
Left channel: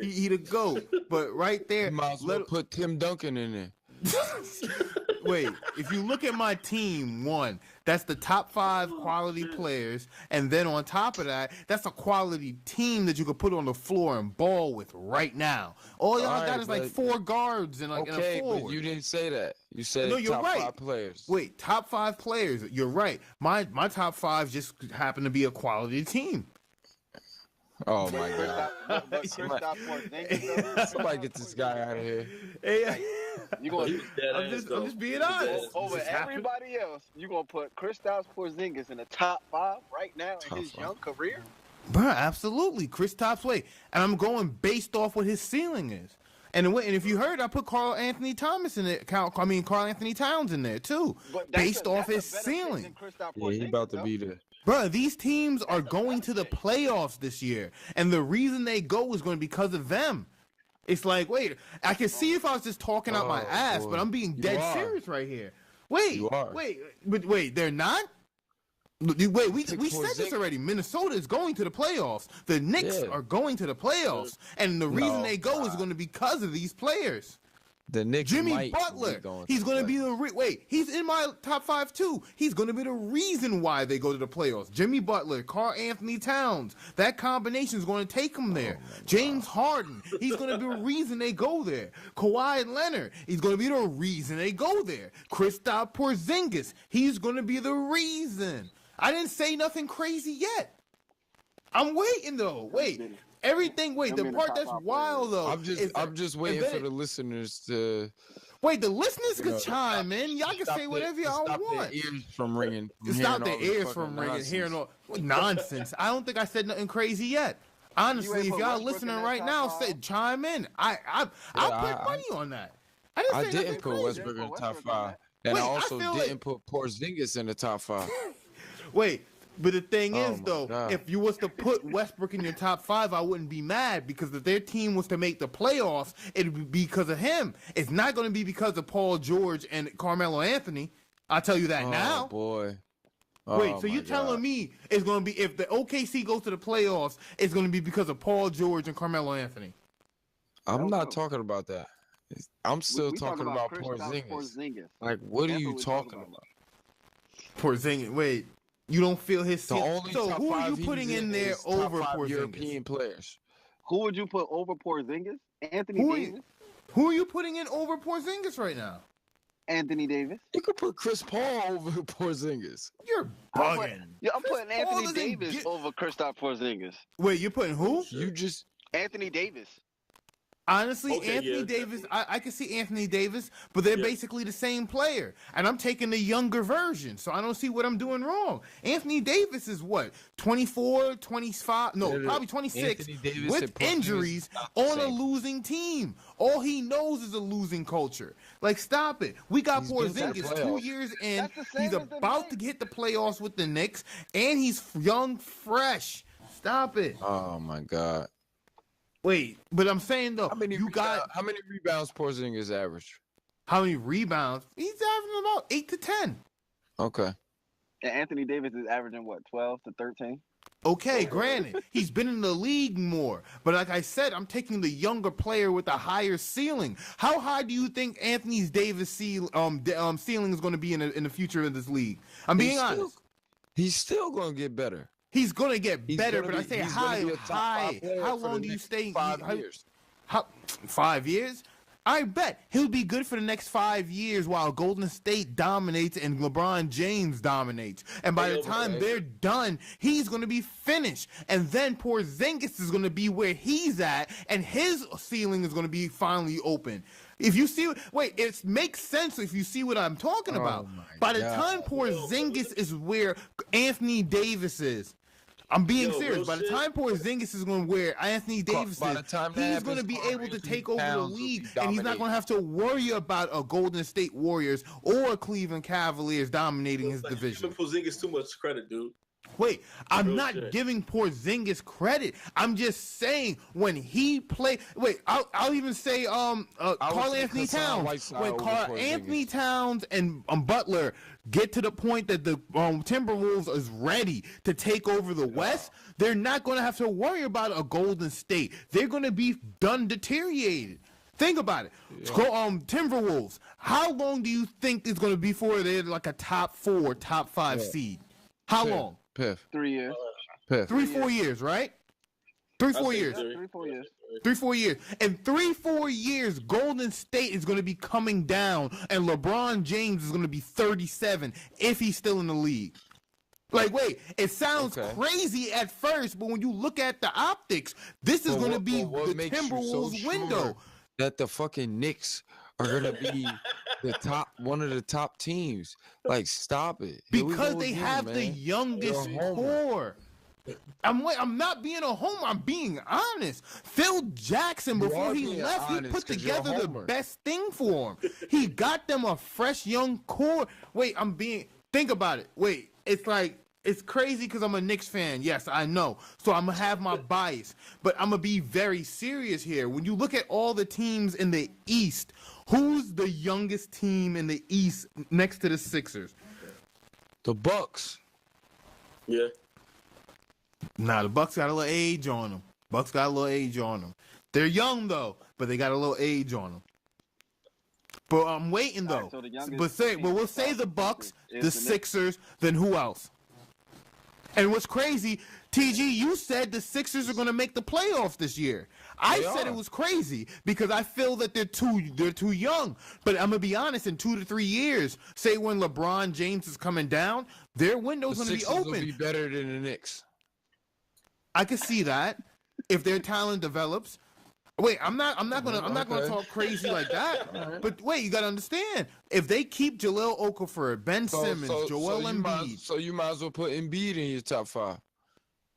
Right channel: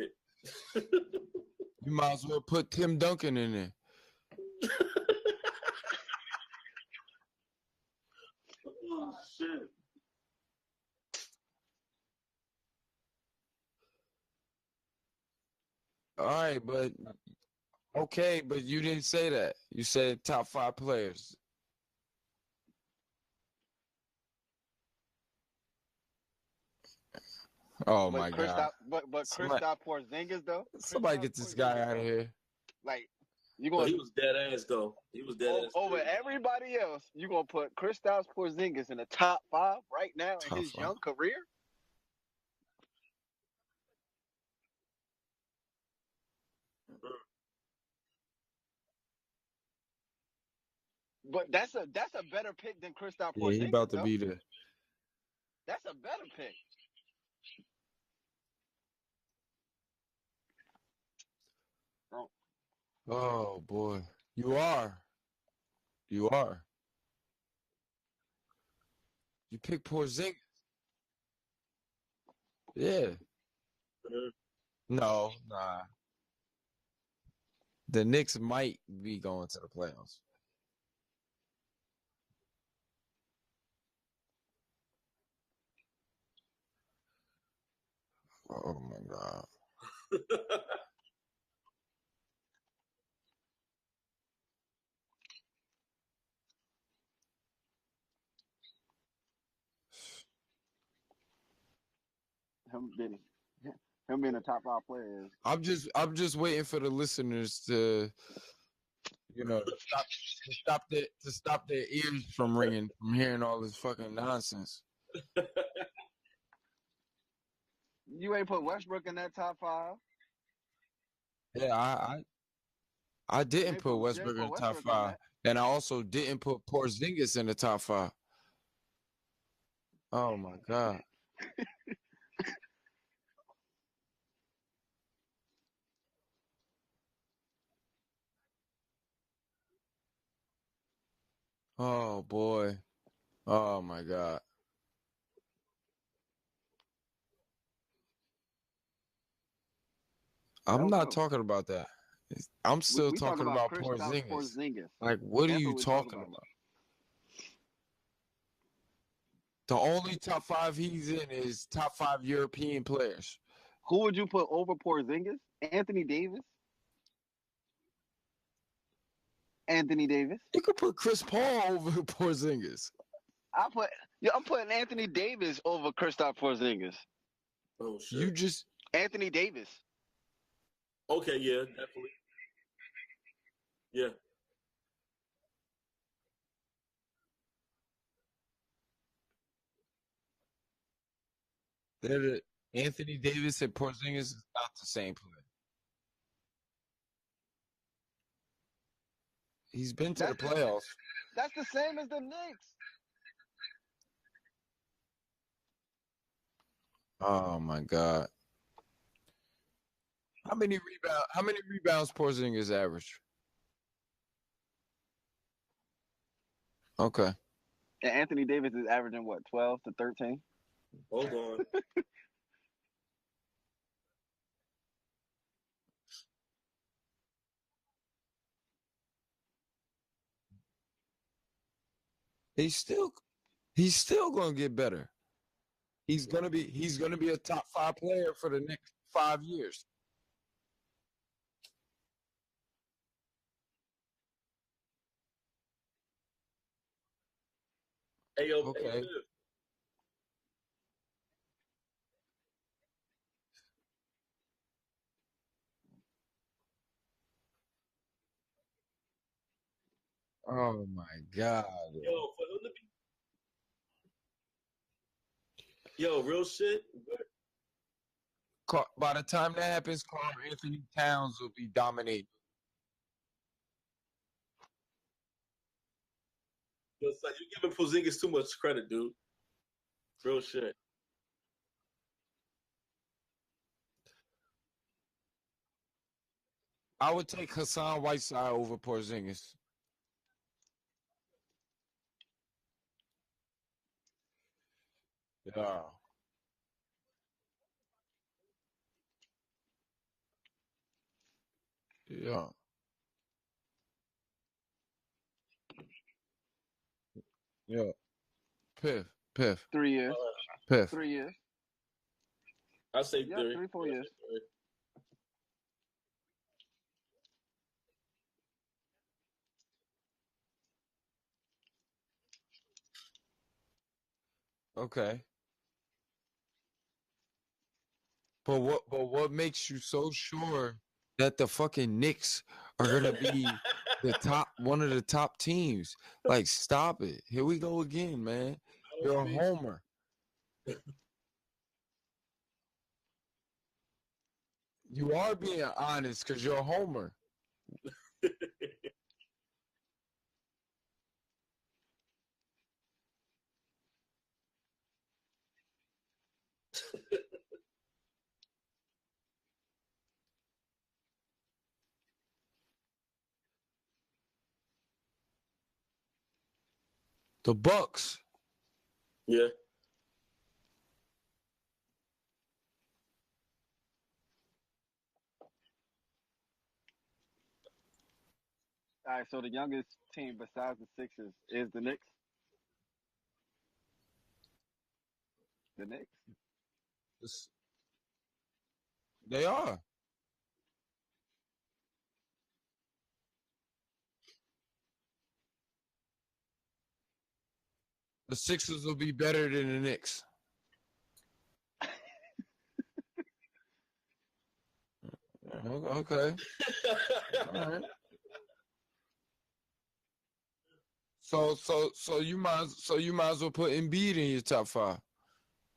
he the GOAT. But right there, you might as well put Tim Duncan in there. Wait, if you look at my team, that's the top 5 quality players, and then on top of that, that's a quality team that you could put on the floor and ball with right now. All y'all got is like 4 guards and like okay, but you didn't say that. You said top 5 players. Wait, top 5 players. You're right. My top 5 just happen to be a quality team. Oh my God! But Krisptoph Porzingis though. Somebody get this guy out of here. Like, you gonna he was dead ass though. I'm just being honest. Over everybody else, you gonna put Krisptoph Porzingis in the top 5 right now in his young career? Bro, absolutely. Kristoph's way. And I'm going based off what his ceiling is. And if you heard, I put Karl Anthony Towns in there too. But based off his ceiling. Yeah, he about to be there. Bro, these teams are going to the playoffs this year. And the reason they go is going to be because of them. It's like, wait, I can see if I was just talking out my ass, but I'm being dead serious right here. Wait, they're not? Wait, we said this already. Minnesota is going to the playoffs. The Knicks are going to the playoffs. And the reason they go is going to be because of these players. The Knicks Jimmy might Butler, be going he's going to be the he's in my top 5 too. He's going to be the reason why they go to the playoffs. Jimmy Butler, Karl Anthony Towns, that combination is going to take them there. James Harden, he's going to be the reason they go there. Kawhi Leonard, he's going to be the reason they go there. Krisptoph Porzingis, he's going to be the reason. I didn't say nothing crazy yet. I'm waiting though. Wait. Everything. Wait, the part that's wild though. I'm just waiting for the listeners to. Wait, the listeners can chime in. Y'all can say whatever y'all want. Stop their ears from ringing. Stop their ears from ringing. Hearing all nonsense. I don't think I said nothing crazy yet. Honestly, if y'all listening right now, chime in. I put money on that. I didn't put Westbrook in the top 5, and I also didn't put Porzingis in the top 5. Wait. But the thing is, though, if you was to put Westbrook in your top 5, I wouldn't be mad because if their team was to make the playoffs, it would be because of him. It's not going to be because of Paul George and Carmelo Anthony. I'll tell you that now. Oh, boy. Wait, so you're telling me it's going to be, if the OKC goes to the playoffs, it's going to be because of Paul George and Carmelo Anthony? I'm not talking about that. I'm still talking about Porzingis. Like, what are you talking about? Porzingis, wait. You don't feel his. The only top 5 he's in there is top 5 European players. Who would you put over Porzingis? Anthony Davis. Who are you putting in over Porzingis right now? Anthony Davis. You could put Chris Paul over Porzingis. You're I'm bugging. putting Paul Anthony doesn't Davis get- over Krisptoph Prozingis. Wait, you're putting who? You just Anthony Davis. Honestly, Okay, Anthony yeah, Davis, I can see Anthony Davis, but they're Yeah. basically the same player. And I'm taking the younger version, so I don't see what I'm doing wrong. Anthony Davis is what? 24, 25, no, Yeah, probably 26 Anthony Davis with and Porzingis injuries is not the on a same. losing team. All he knows is a losing culture. Like, stop it. We got He's been to the Porzingis 2 playoffs. years in. That's the same He's as the about to Knicks. hit the playoffs with the Knicks, and he's young, fresh. Stop it. oh my god. Wait, but I'm saying though, How many rebounds Porzingis average? how many rebounds? He's averaging about 8 to 10. Okay. And Anthony Davis is averaging what, 12 to 13? Okay, granted, he's been in the league more, but like I said, I'm taking the younger player with a higher ceiling. How high do you think Anthony Davis' ceiling is going to be in the future of this league? I'm being honest. He's still gonna get better. He's going to get He's better, gonna but be I say he's high, gonna be a top high. 5 player How for long the do you next stay? 5 years. 5 years? I bet he'll be good for the next 5 years while Golden State dominates and LeBron James dominates. And by the time they're done, he's going to be finished. And then Porzingis is going to be where he's at, and his ceiling is going to be finally open. If you see, it makes sense if you see what I'm talking about. my By the God. time Porzingis is where Anthony Davis is. I'm being serious. real By the shit. time Porzingis is going to where Anthony Davis By is, the time that he's happens, going to be Karl able to Anthony take over the Towns will be league, and he's not dominating. going to have to worry about a Golden State Warriors or Cleveland Cavaliers dominating his Like, you're division. giving Porzingis too much credit, dude. Wait, I'm Real not shit. giving Porzingis credit. I'm just saying when he played. Wait, I'll even say Carl say Anthony Hassan Towns. Whiteside When over Carl Porzingis. Anthony Towns and Butler get to the point that the Timberwolves is ready to take over the West, they're not going to have to worry about a Golden State. They're going to be done deteriorated. Think about it. Timberwolves. How long do you think it's going to be before they're like a top 4, top 5 seed? How long? Piff. 3 years. Piff. 3-4 years, right? 3-4 years. 3-4 years. 3-4 years. In 3-4 years, Golden State is going to be coming down, and LeBron James is going to be 37 if he's still in the league. Like, wait, it sounds crazy at first, but when you look at the optics, this is going to be what the makes you so Timberwolves' window. sure that the fucking Knicks are gonna be one of the top teams? Like, stop it. Here we Because go they again, have man. the youngest You're a homer. core. I'm not being a homer. I'm being honest. Phil Jackson, You before are he being left, he honest put 'cause you're a together the homer. best thing for him. He got them a fresh young core. Wait, think about it. Wait, it's crazy because I'm a Knicks fan. Yes, I know. So I'm going to have my bias. But I'm going to be very serious here. When you look at all the teams in the East, who's the youngest team in the East next to the Sixers? The Bucks. Yeah. Nah, the Bucks got a little age on them. They're young, though, but they got a little age on them. But I'm waiting, though. Right, so the youngest but we'll say the Bucks, the Sixers, then who else? And what's crazy, TG, you said the Sixers are going to make the playoffs this year. I said it was crazy because I feel that they're too young. But I'm going to be honest, in 2 to 3 years, say when LeBron James is coming down, their window's The going to be Sixers open. will be better than the Knicks. I can see that if their talent develops. Wait, I'm not gonna talk crazy like that. But wait, you gotta understand. If they keep Jahlil Okafor, Ben Simmons, Joel Embiid, you might as well put Embiid in your top 5.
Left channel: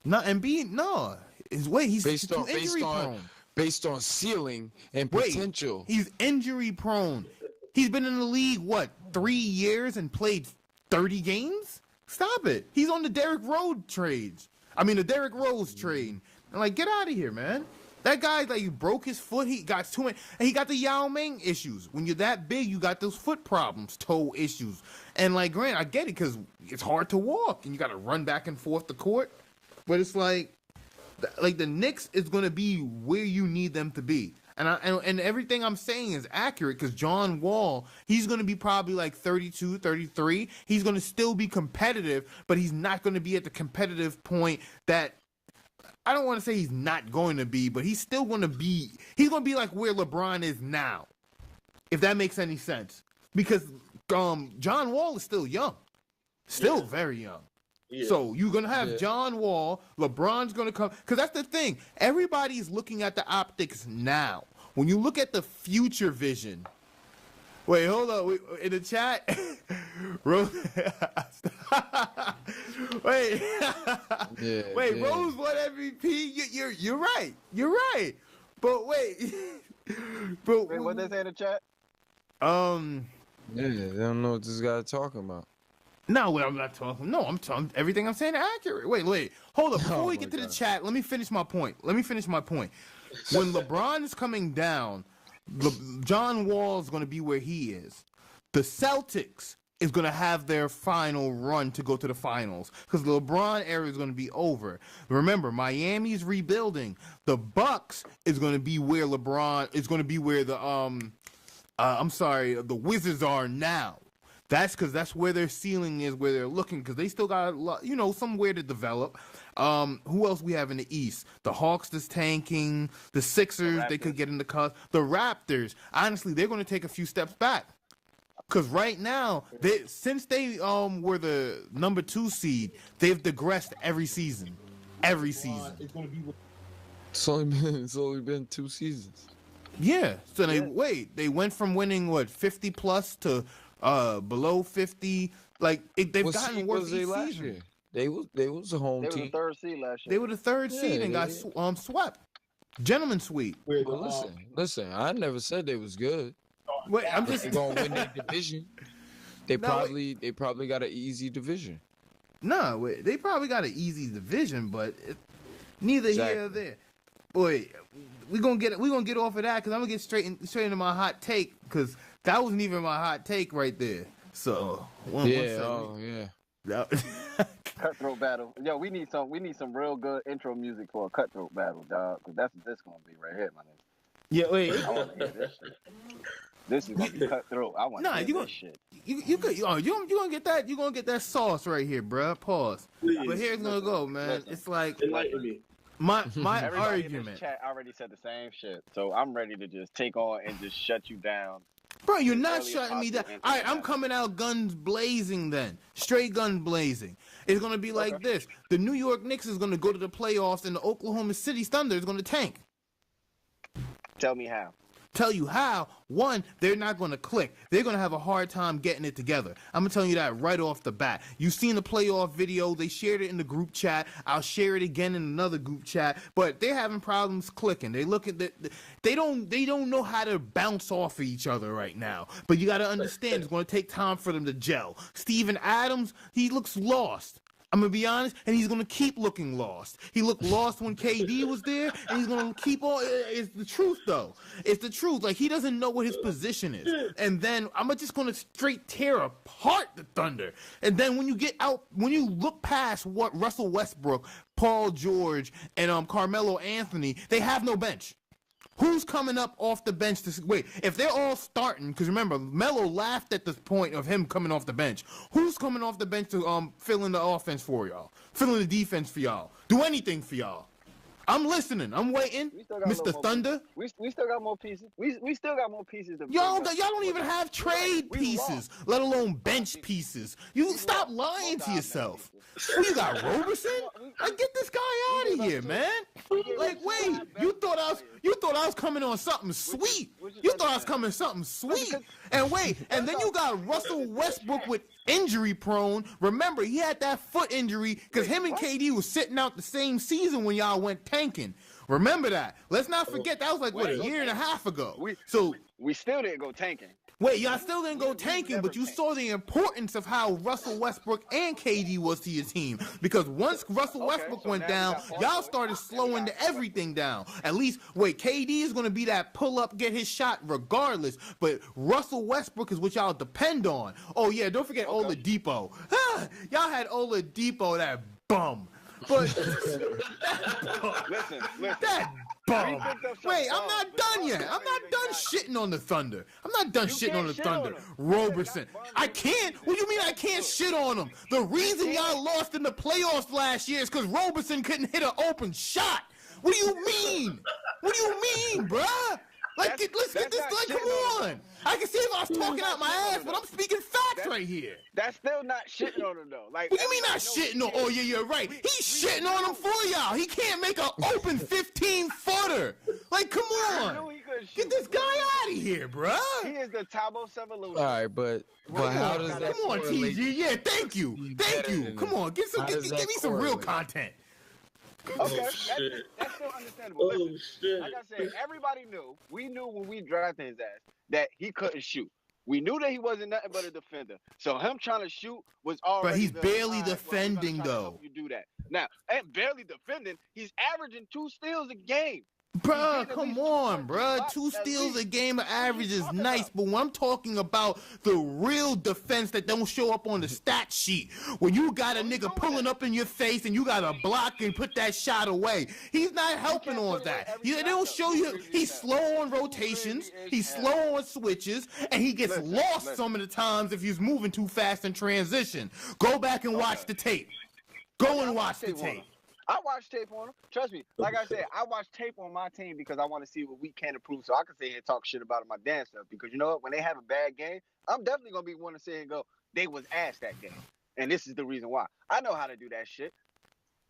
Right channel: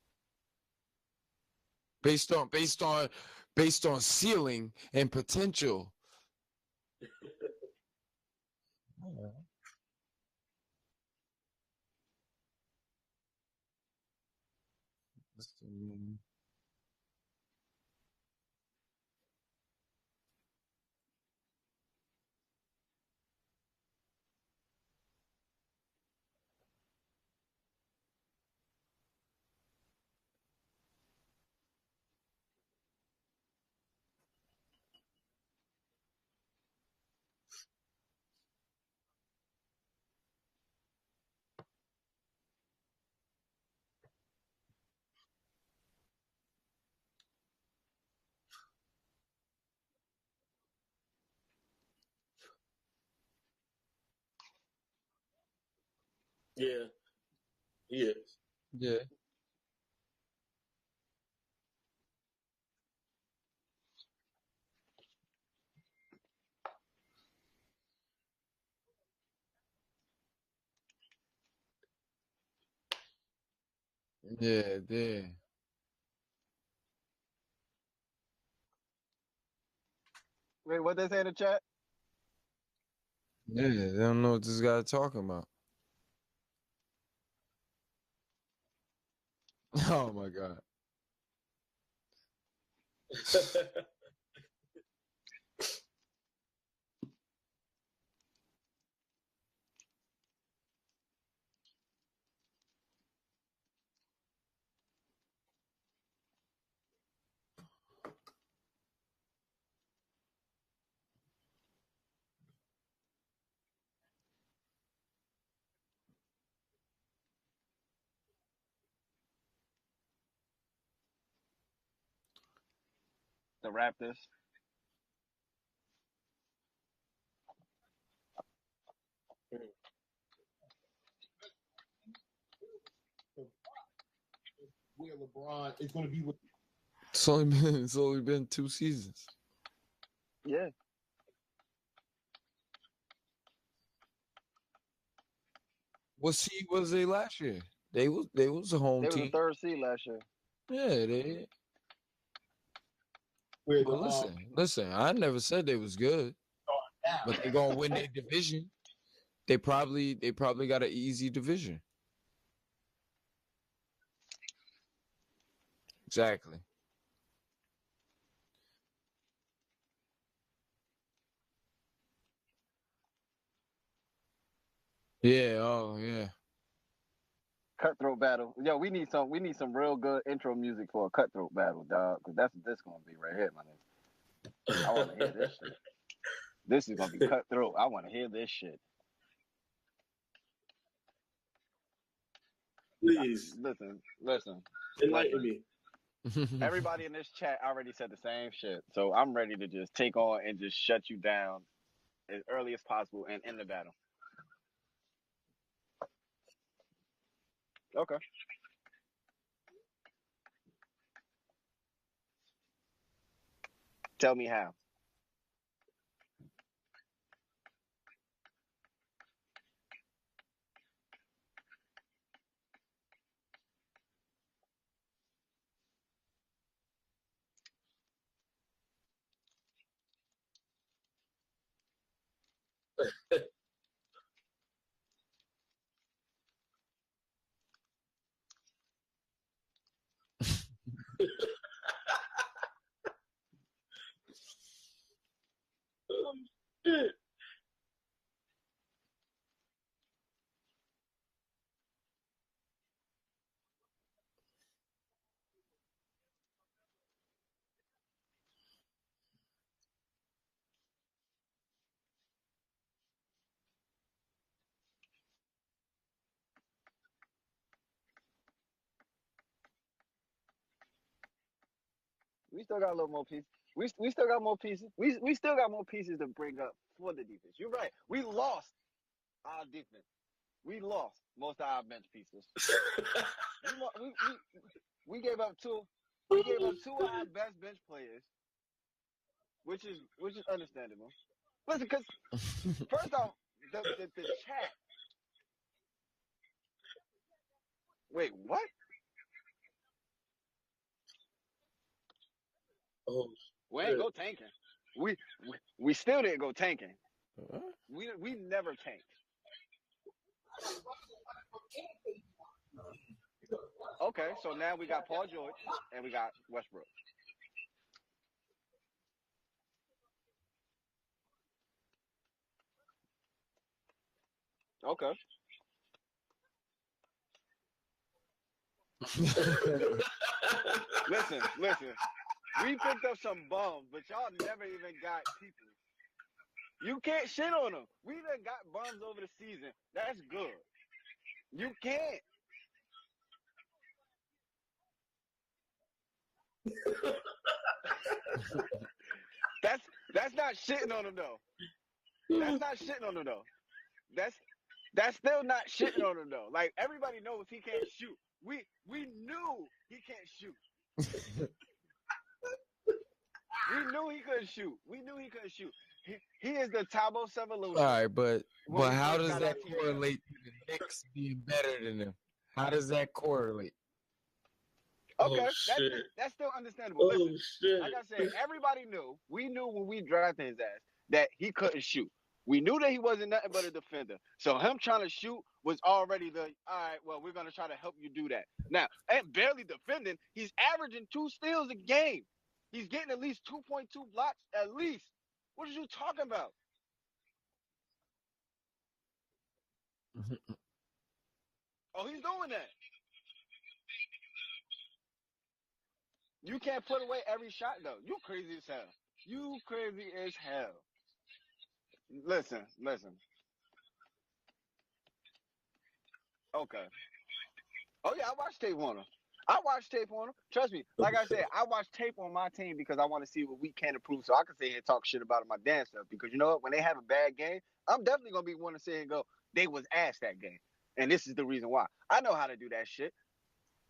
not Embiid, no. He's Based too on injury prone. based on ceiling and potential. He's injury prone. He's been in the league 3 years and played 30 games? Stop it. He's on the Derrick Rose trade. And get out of here, man. That guy, he broke his foot. He got too many. And he got the Yao Ming issues. When you're that big, you got those foot problems, toe issues. And, Grant, I get it because it's hard to walk. And you got to run back and forth the court. But it's the Knicks is going to be where you need them to be. And everything I'm saying is accurate because John Wall, he's going to be probably 32, 33. He's going to still be competitive, but he's not going to be at the competitive point that I don't want to say he's not going to be, but he's still going to be. He's going to be like where LeBron is now, if that makes any sense. Because John Wall is still young, still very young. Yeah. So you're gonna have John Wall. LeBron's gonna come because that's the thing. Everybody's looking at the optics now. When you look at the future vision. Wait, hold on. In the chat, Rose. Wait, wait. Yeah. Rose won MVP. You're right. You're right. But wait, wait. What they say in the chat? Yeah, they don't know what this guy's talking about. No, I'm not talking. No, I'm talking. Everything I'm saying is accurate. Wait. Hold up. Before we get to the chat, let me finish my point. When LeBron is coming down, John Wall is going to be where he is. The Celtics is going to have their final run to go to the finals because the LeBron era is going to be over. Remember, Miami's rebuilding. The Bucks is going to be where LeBron is going to be where the the Wizards are now. That's because that's where their ceiling is, where they're looking, because they still got somewhere to develop. Who else we have in the East? The Hawks is tanking. The Sixers, they could get in the cup. The Raptors, honestly, they're going to take a few steps back. Because right now, since they were the number 2 seed, they've digressed every season. Every season. It's going to be. It's only been 2 seasons. Yeah. So they went from winning 50 plus to below 50. Like they've gotten worse. Was they last year? They was a home team. They were the 3rd seed last year. They were the 3rd seed and got swept. Gentleman sweep. Well, listen. I never said they was good. Wait, I'm just they're gonna win their division. They probably got an easy division. No, they probably got an easy division, but neither here nor there. Boy, we gonna get off of that because I'm gonna get straight into my hot take because that wasn't even my hot take right there. So Cutthroat battle. Yo, we need some real good intro music for a cutthroat battle, dog. Because that's what this gonna be right here, my nigga. Yeah, wait. I want to hear this shit. This is gonna be cutthroat. I want to hear this shit. You gonna get that? You gonna get that sauce right here, bruh. Pause. Please, but here's gonna go, man. It's like enlighten me. My everybody argument. in this chat already said the same shit, so I'm ready to just take on and just shut you down. Bro, you're not shutting me down. All right, I'm coming out guns blazing then. Straight gun blazing. It's going to be like this. The New York Knicks is going to go to the playoffs and the Oklahoma City Thunder is going to tank. Tell me how. Tell you how. One, they're not going to click. They're going to have a hard time getting it together. I'm going to tell you that right off the bat. You've seen the playoff video. They shared it in the group chat. I'll share it again in another group chat. But they're having problems clicking. They look at they don't know how to bounce off of each other right now. But you got to understand it's going to take time for them to gel. Steven Adams, he looks lost. I'm going to be honest, and he's going to keep looking lost. He looked lost when KD was there, and he's going to keep on. It's the truth, though. It's the truth. Like, he doesn't know what his position is. And then I'm just going to straight tear apart the Thunder. And then when you look past what Russell Westbrook, Paul George, and Carmelo Anthony, they have no bench. Who's coming up off the bench to wait? If they're all starting, because remember, Melo laughed at the point of him coming off the bench. Who's coming off the bench to fill in the offense for y'all? Fill in the defense for y'all? Do anything for y'all? I'm listening. I'm waiting. Mr. Thunder. We still got more pieces. We still got more pieces to y'all don't even have trade pieces, let alone bench pieces. You stop lying to yourself. You got Roberson? Get this guy out of here, man. Like, wait, you thought I was coming on something sweet. You thought I was coming something sweet. And wait, and then you got Russell Westbrook with injury prone. Remember, he had that foot injury because him and KD was sitting out the same season when y'all went tanking. Remember that. Let's not forget that was like a year and a half ago. We still didn't go tanking. Wait, y'all still didn't go tanking, but you saw the importance of how Russell Westbrook and KD was to your team. Because once Russell Westbrook went down, y'all started slowing everything down. At least, KD is going to be that pull-up, get his shot regardless. But Russell Westbrook is what y'all depend on. Oh, yeah, don't forget Oladipo. Y'all had Oladipo, that bum. But listen. Wait, I'm not done yet. I'm not done shitting on the Thunder. I'm not done shitting on the Thunder. Roberson. I can't. What do you mean I can't shit on him? The reason y'all lost in the playoffs last year is because Roberson couldn't hit an open shot. What do you mean? What do you mean, bruh? Like, let's get this. Like, come on. I can see if I was talking out my ass, but I'm speaking facts right here. That's still not shitting on him though. Like, what do you mean not shitting on? Oh yeah, you're right. He's shitting on him for y'all. He can't make an open 15-footer. Like, come on. We knew he couldn't shoot. Get this guy out of here, bro. He is the Tabo Sevolution. All right, but how does that correlate? Yeah, thank you. Come on, give me some real content. Okay, that's still understandable. Listen, like I said, everybody knew. We knew when we drafted his ass that he couldn't shoot. We knew that he wasn't nothing but a defender. So him trying to shoot was already. But he's barely defending though. Help you do that now, and barely defending. He's averaging 2 steals a game. Bro, come on, bro. 2 steals a game of average is nice, but when I'm talking about the real defense that don't show up on the stat sheet, when you got a nigga pulling up in your face and you got to block and put that shot away, he's not helping on that. They don't show you. He's slow on rotations, he's slow on switches, and he gets lost some of the times if he's moving too fast in transition. Go back and watch the tape. Go and watch the tape. I watch tape on him. Trust me. Like I said, I watch tape on my team because I want to see what we can improve so I can sit here and talk shit about my damn stuff. Because you know what? When they have a bad game, I'm definitely going to be one to sit here and go, they was ass that game. And this is the reason why. I know how to do that shit.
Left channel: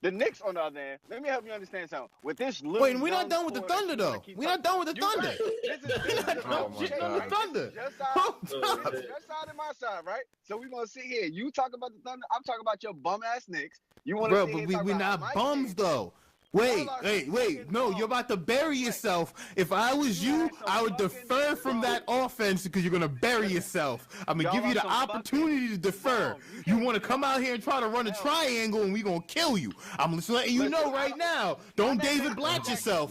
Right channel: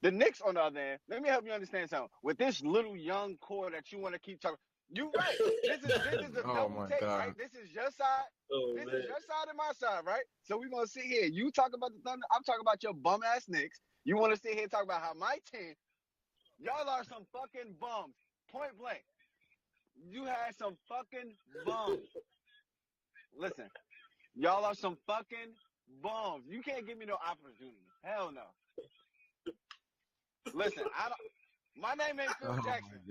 The Knicks, on the other hand, let me help you understand something. With this little Wait, we're not done with the Thunder, though. We're not done with the Thunder. Right. This is the oh, my God. This is your side and my side, right? So we're going to sit here. You talk about the Thunder. I'm talking about your bum-ass Knicks. You want to sit here and talk about my bums, team. Though. Wait. No, you're about to bury yourself. If I was you I would defer from that offense because you're going to bury yourself. I'm going to give you the opportunity to defer. You want to come out here and try to run a triangle and we're going to kill you. I'm just letting you know right now. Don't David Blatt yourself.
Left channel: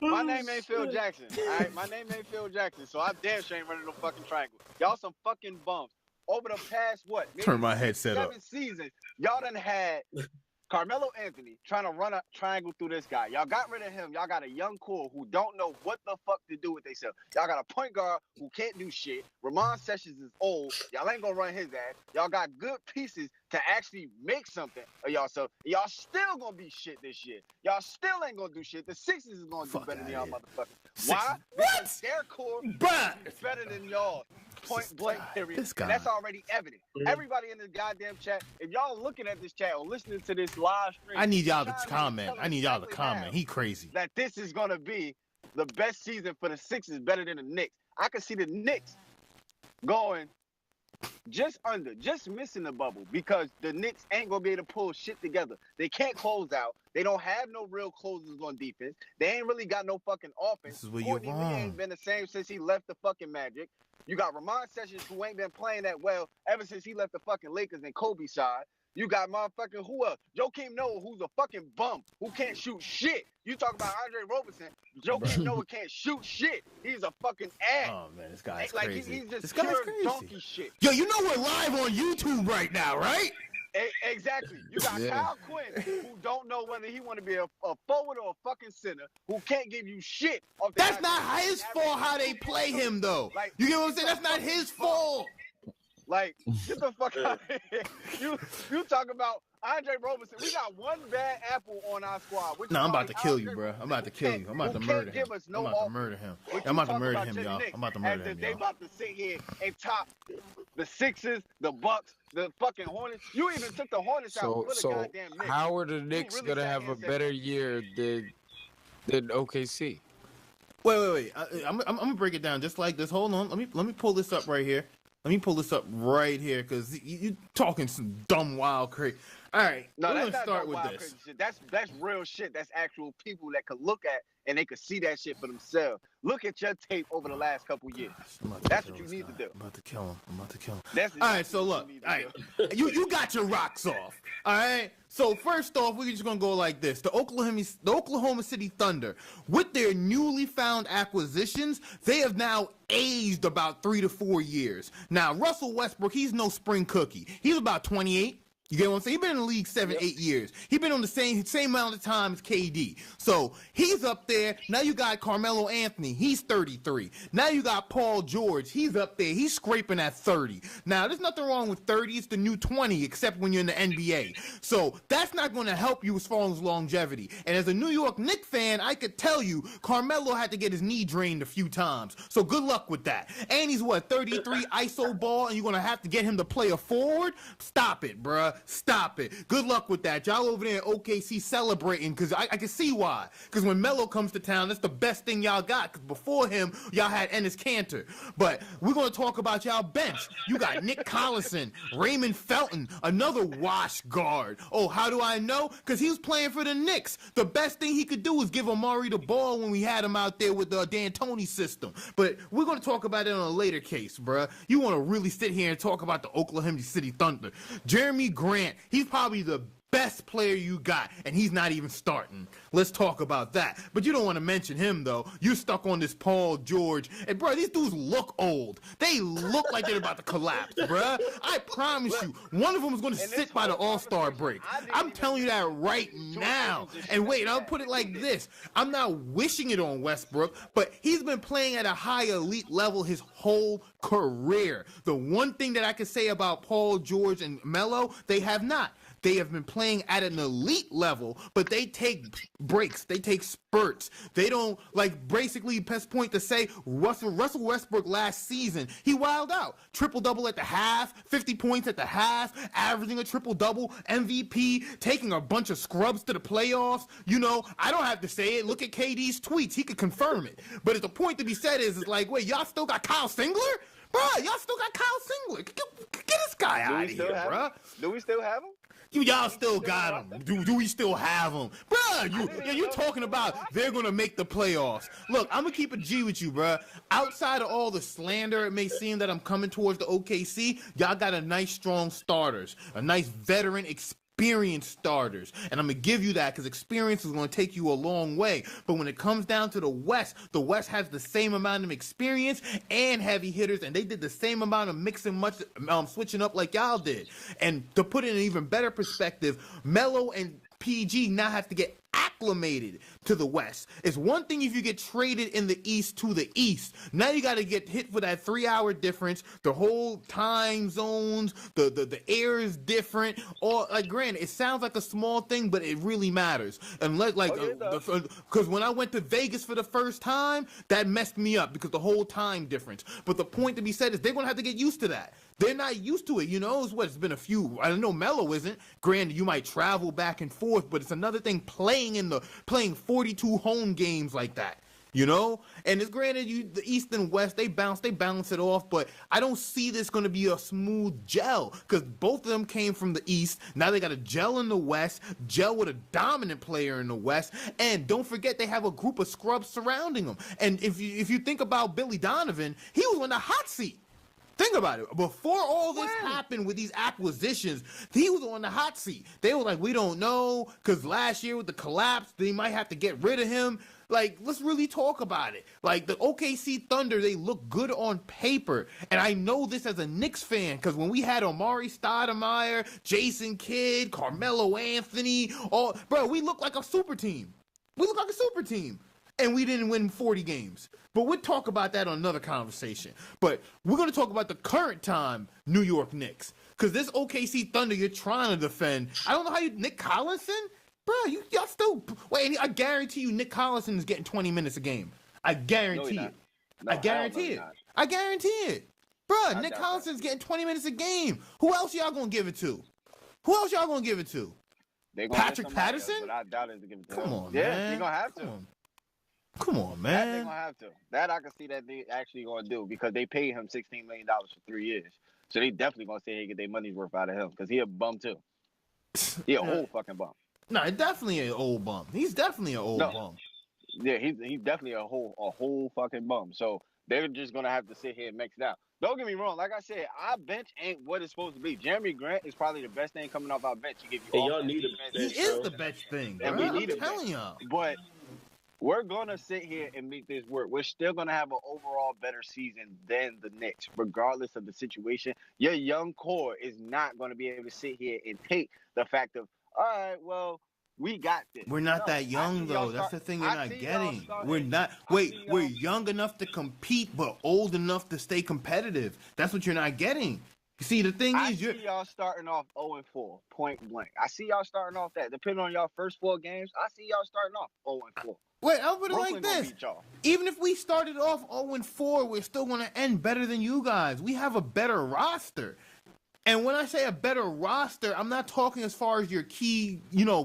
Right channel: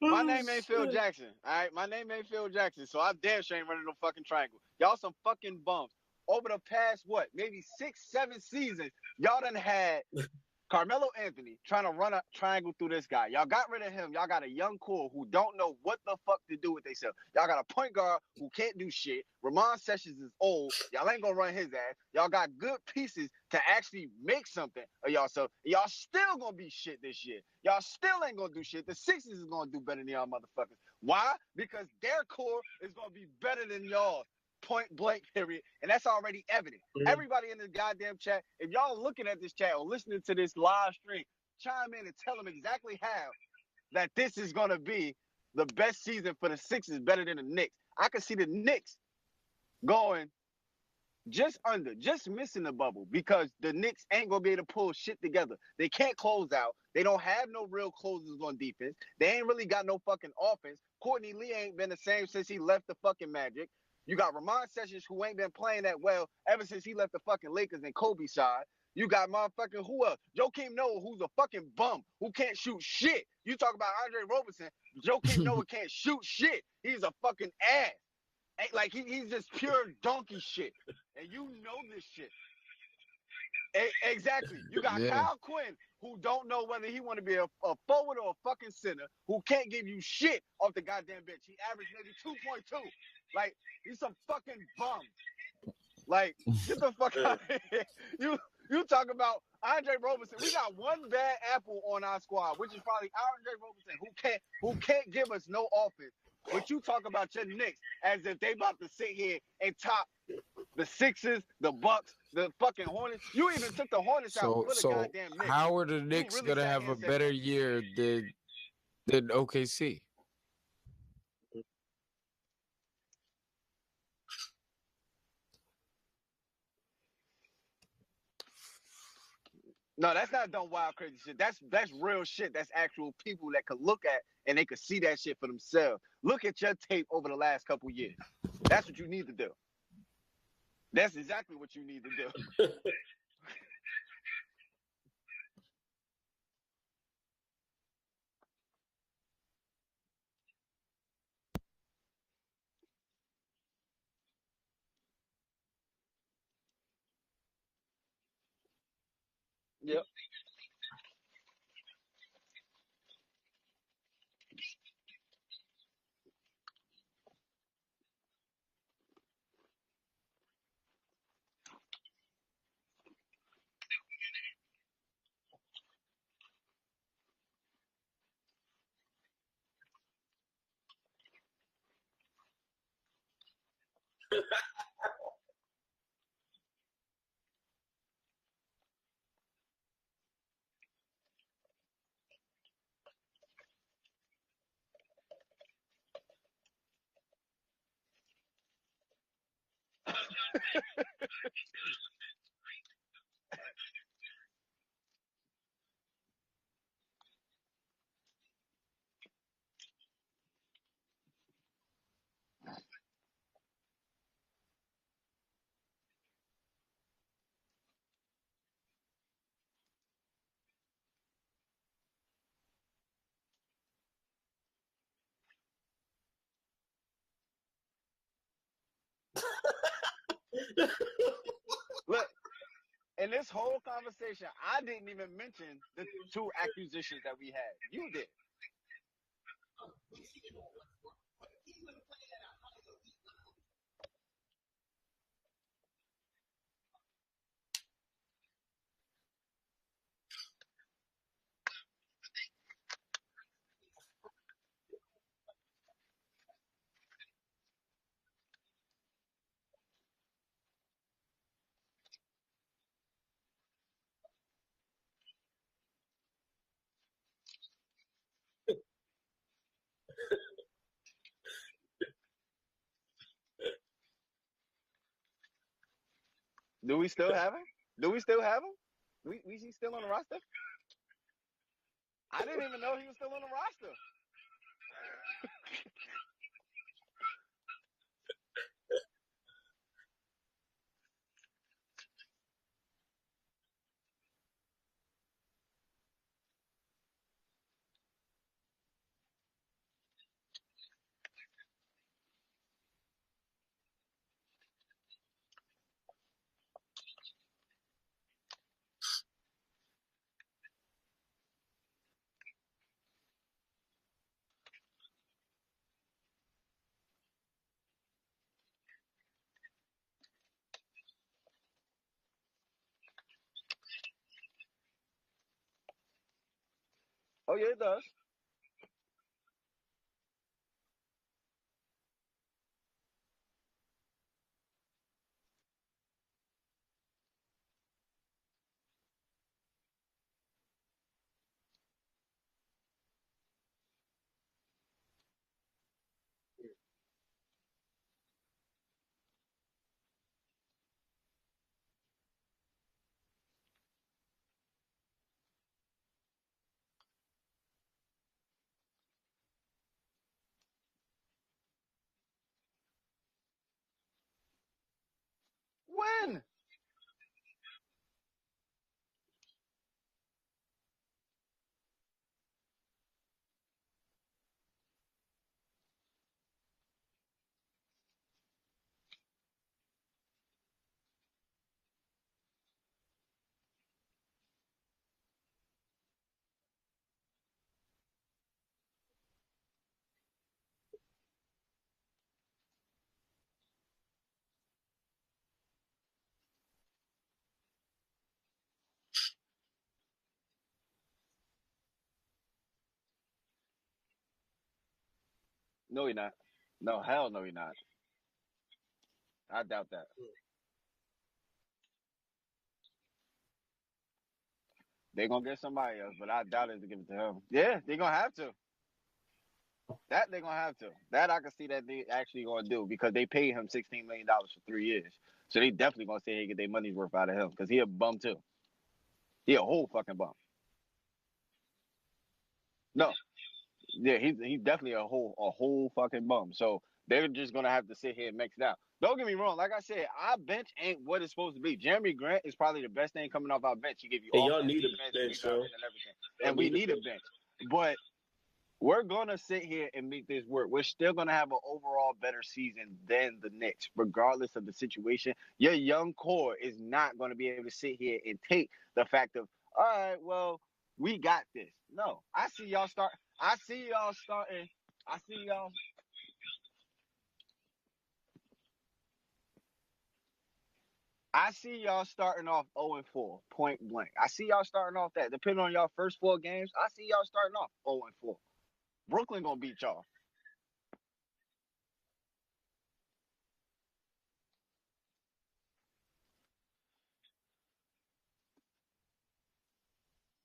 My name ain't Phil Jackson. All right, my name ain't Phil Jackson, so I damn sure ain't running no fucking triangle. Y'all some fucking bums. Over the past, maybe turn my headset 7 seasons, y'all done had Carmelo Anthony trying to run a triangle through this guy. Y'all got rid of him. Y'all got a young core who don't know what the fuck to do with themselves. Y'all got a point guard who can't do shit. Ramon Sessions is old. Y'all ain't gonna run his ass. Y'all got good pieces to actually make something of y'all. So y'all still gonna be shit this year. Y'all still ain't gonna do shit. The Sixers is gonna do better than y'all motherfuckers. Why? Because their core is better than y'all. Point blank period. And that's already evident. Everybody in this goddamn chat, if y'all looking at this chat or listening to this live stream, I need y'all to comment. He crazy. That this is gonna be the best season for the Sixers, better than the Knicks. I can see the Knicks going just missing the bubble because the Knicks ain't gonna be able to pull shit together. They can't close out. They don't have no real closers on defense. They ain't really got no fucking offense. Courtney Lee ain't been the same since he left the fucking Magic. You got Ramon Sessions, who ain't been playing that well ever since he left the fucking Lakers and Kobe side. You got motherfucking who else? Joakim Noah, who's a fucking bum, who can't shoot shit. You talk about Andre Roberson. Joakim Noah can't shoot shit. He's a fucking ass. Oh, man, this guy's like, crazy. He's just pure donkey shit. Yo, you know we're live on YouTube right now, right? Exactly. You got Kyle Quinn, who don't know whether he want to be a forward or a fucking center, who can't give you shit. That's not his fault how they play him, though. Like, you get what I'm saying? That's not his fault. Like, get the fuck out of here. You talk about Andre Roberson. We got one bad apple on our squad. No, I'm about to kill you, bro. I'm about to kill you. I'm about to murder him. Who can't give us no offense. I'm about to murder him. I'm about to murder him, y'all. I'm about to murder him, as if they about to sit here and top the Sixers, the Bucks, the fucking Hornets. You even took the Hornets out for the goddamn Knicks. How are the Knicks gonna have a better year than OKC? Wait. I'm gonna break it down just like this. Hold on. Let me pull this up right here. Let me pull this up right here because you talking some dumb wild crazy. All right. No, that's not dumb wild crazy shit. That's real shit. That's actual people that could look at and they could see that shit for themselves. Look at your tape over the last couple years. That's what you need to do. I'm about to kill him. That's exactly all right. So look, you got your rocks off. All right. So first off, we're just gonna go like this: the Oklahoma City Thunder, with their newly found acquisitions, they have now aged about 3 to 4 years. Now Russell Westbrook, he's no spring cookie. He's about 28. You get what I'm saying? He's been in the league 8 years. He's been on the same amount of time as KD. So he's up there. Now you got Carmelo Anthony. He's 33. Now you got Paul George. He's up there. He's scraping at 30. Now, there's nothing wrong with 30. It's the new 20, except when you're in the NBA. So that's not going to help you as far as longevity. And as a New York Knicks fan, I could tell you Carmelo had to get his knee drained a few times. So good luck with that. And he's, 33 ISO ball, and you're going to have to get him to play a forward? Stop it, bruh. Stop it. Good luck with that. Y'all over there in OKC celebrating, because I can see why. Because when Melo comes to town, that's the best thing y'all got. Because before him, y'all had Enes Kanter. But we're going to talk about y'all bench. You got Nick Collison, Raymond Felton, another wash guard. Oh, how do I know? Because he was playing for the Knicks. The best thing he could do was give Amari the ball when we had him out there with the D'Antoni system. But we're going to talk about it on a later case, bruh. You want to really sit here and talk about the Oklahoma City Thunder. Jeremy Grant, he's probably the best player you got, and he's not even starting. Let's talk about that. But you don't want to mention him, though. You're stuck on this Paul George. And, bro, these dudes look old. They look like they're about to collapse, bro. I promise you, one of them is going to sit by the All-Star break. I'm telling you that right now. And wait, I'll put it like this. I'm not wishing it on Westbrook, but he's been playing at a high elite level his whole career. The one thing that I can say about Paul George and Melo, they have not. They have been playing at an elite level, but they take breaks. They take spurts. They don't, basically, best point to say, Russell Westbrook last season, he wilded out. Triple-double at the half, 50 points at the half, averaging a triple-double, MVP, taking a bunch of scrubs to the playoffs. You know, I don't have to say it. Look at KD's tweets. He could confirm it. But the point to be said is wait, y'all still got Kyle Singler? Bro, y'all still got Kyle Singler. Get this guy out of here, bro. Do we still have him? Y'all still got him. Do we still have him? Bruh, you talking about they're going to make the playoffs. Look, I'm going to keep it G with you, bruh. Outside of all the slander it may seem that I'm coming towards the OKC, y'all got a nice, strong starters. A nice veteran experienced starters. And I'm going to give you that because experience is going to take you a long way. But when it comes down to the West has the same amount of experience and heavy hitters, and they did the same amount of switching up like y'all did. And to put it in an even better perspective, Melo and PG now have to get acclimated to the West. It's one thing if you get traded in the East to the East. Now you got to get hit for that 3-hour difference, the whole time zones, the air is different. Or granted, it sounds like a small thing, but it really matters. Unless because when I went to Vegas for the first time, that messed me up because the whole time difference. But the point to be said is they're gonna have to get used to that. They're not used to it, you know. It's been a few. I don't know. Melo isn't. Granted, you might travel back and forth, but it's another thing playing 42 home games like that, you know. And it's granted, the East and West they balance it off, but I don't see this going to be a smooth gel because both of them came from the East. Now they got a gel in the West, gel with a dominant player in the West, and don't forget they have a group of scrubs surrounding them. And if you think about Billy Donovan, he was on the hot seat. Think about it. Before all this happened with these acquisitions, he was on the hot seat. They were like, we don't know, because last year with the collapse, they might have to get rid of him. Let's really talk about it. The OKC Thunder, they look good on paper. And I know this as a Knicks fan, because when we had Amari Stoudemire, Jason Kidd, Carmelo Anthony, we look like a super team. And we didn't win 40 games. But we'll talk about that on another conversation. But we're going to talk about the current time New York Knicks. Because this OKC Thunder you're trying to defend, I don't know how Nick Collison? Bro, y'all still... Wait, I guarantee you Nick Collison is getting 20 minutes a game. I guarantee it. No, I guarantee it. I guarantee it. Bro, Nick Collison's getting 20 minutes a game. Who else y'all going to give it to? They're going to Patrick Patterson? But I doubt it to give it to him. On, yeah, man. they're going to have to. Come on, man. That they're going to have to. That I can see that they actually going to do because they paid him $16 million for 3 years. So they definitely going to say he get their money's worth out of him because he a bum too. He a whole fucking bum. No, definitely an old bum. He's definitely an old bum. Yeah, he's definitely a whole fucking bum. So they're just going to have to sit here and mix it out. Don't get me wrong. Like I said, our bench ain't what it's supposed to be. Jeremy Grant is probably the best thing coming off our bench. He give you all y'all need a bench, He is the best thing. And we need a bench. But We're gonna sit here and make this work. We're still gonna have an overall better season than the Knicks, regardless of the situation. Your young core is not gonna be able to sit here and take the fact of, all right, well, we got this. We're not that young though. That's the thing you're not getting. We're not. Wait, we're young enough to compete, but old enough to stay competitive. That's what you're not getting. You see, the thing I is, see y'all starting off 0-4, point blank. I see y'all starting off that. Depending on y'all first 4 games, I see y'all starting off 0-4. Wait, I'll put it Brooklyn like gonna this. beat y'all. Even if we started off 0-4, we're still going to end better than you guys. We have a better roster. And when I say a better roster, I'm not talking as far as your key,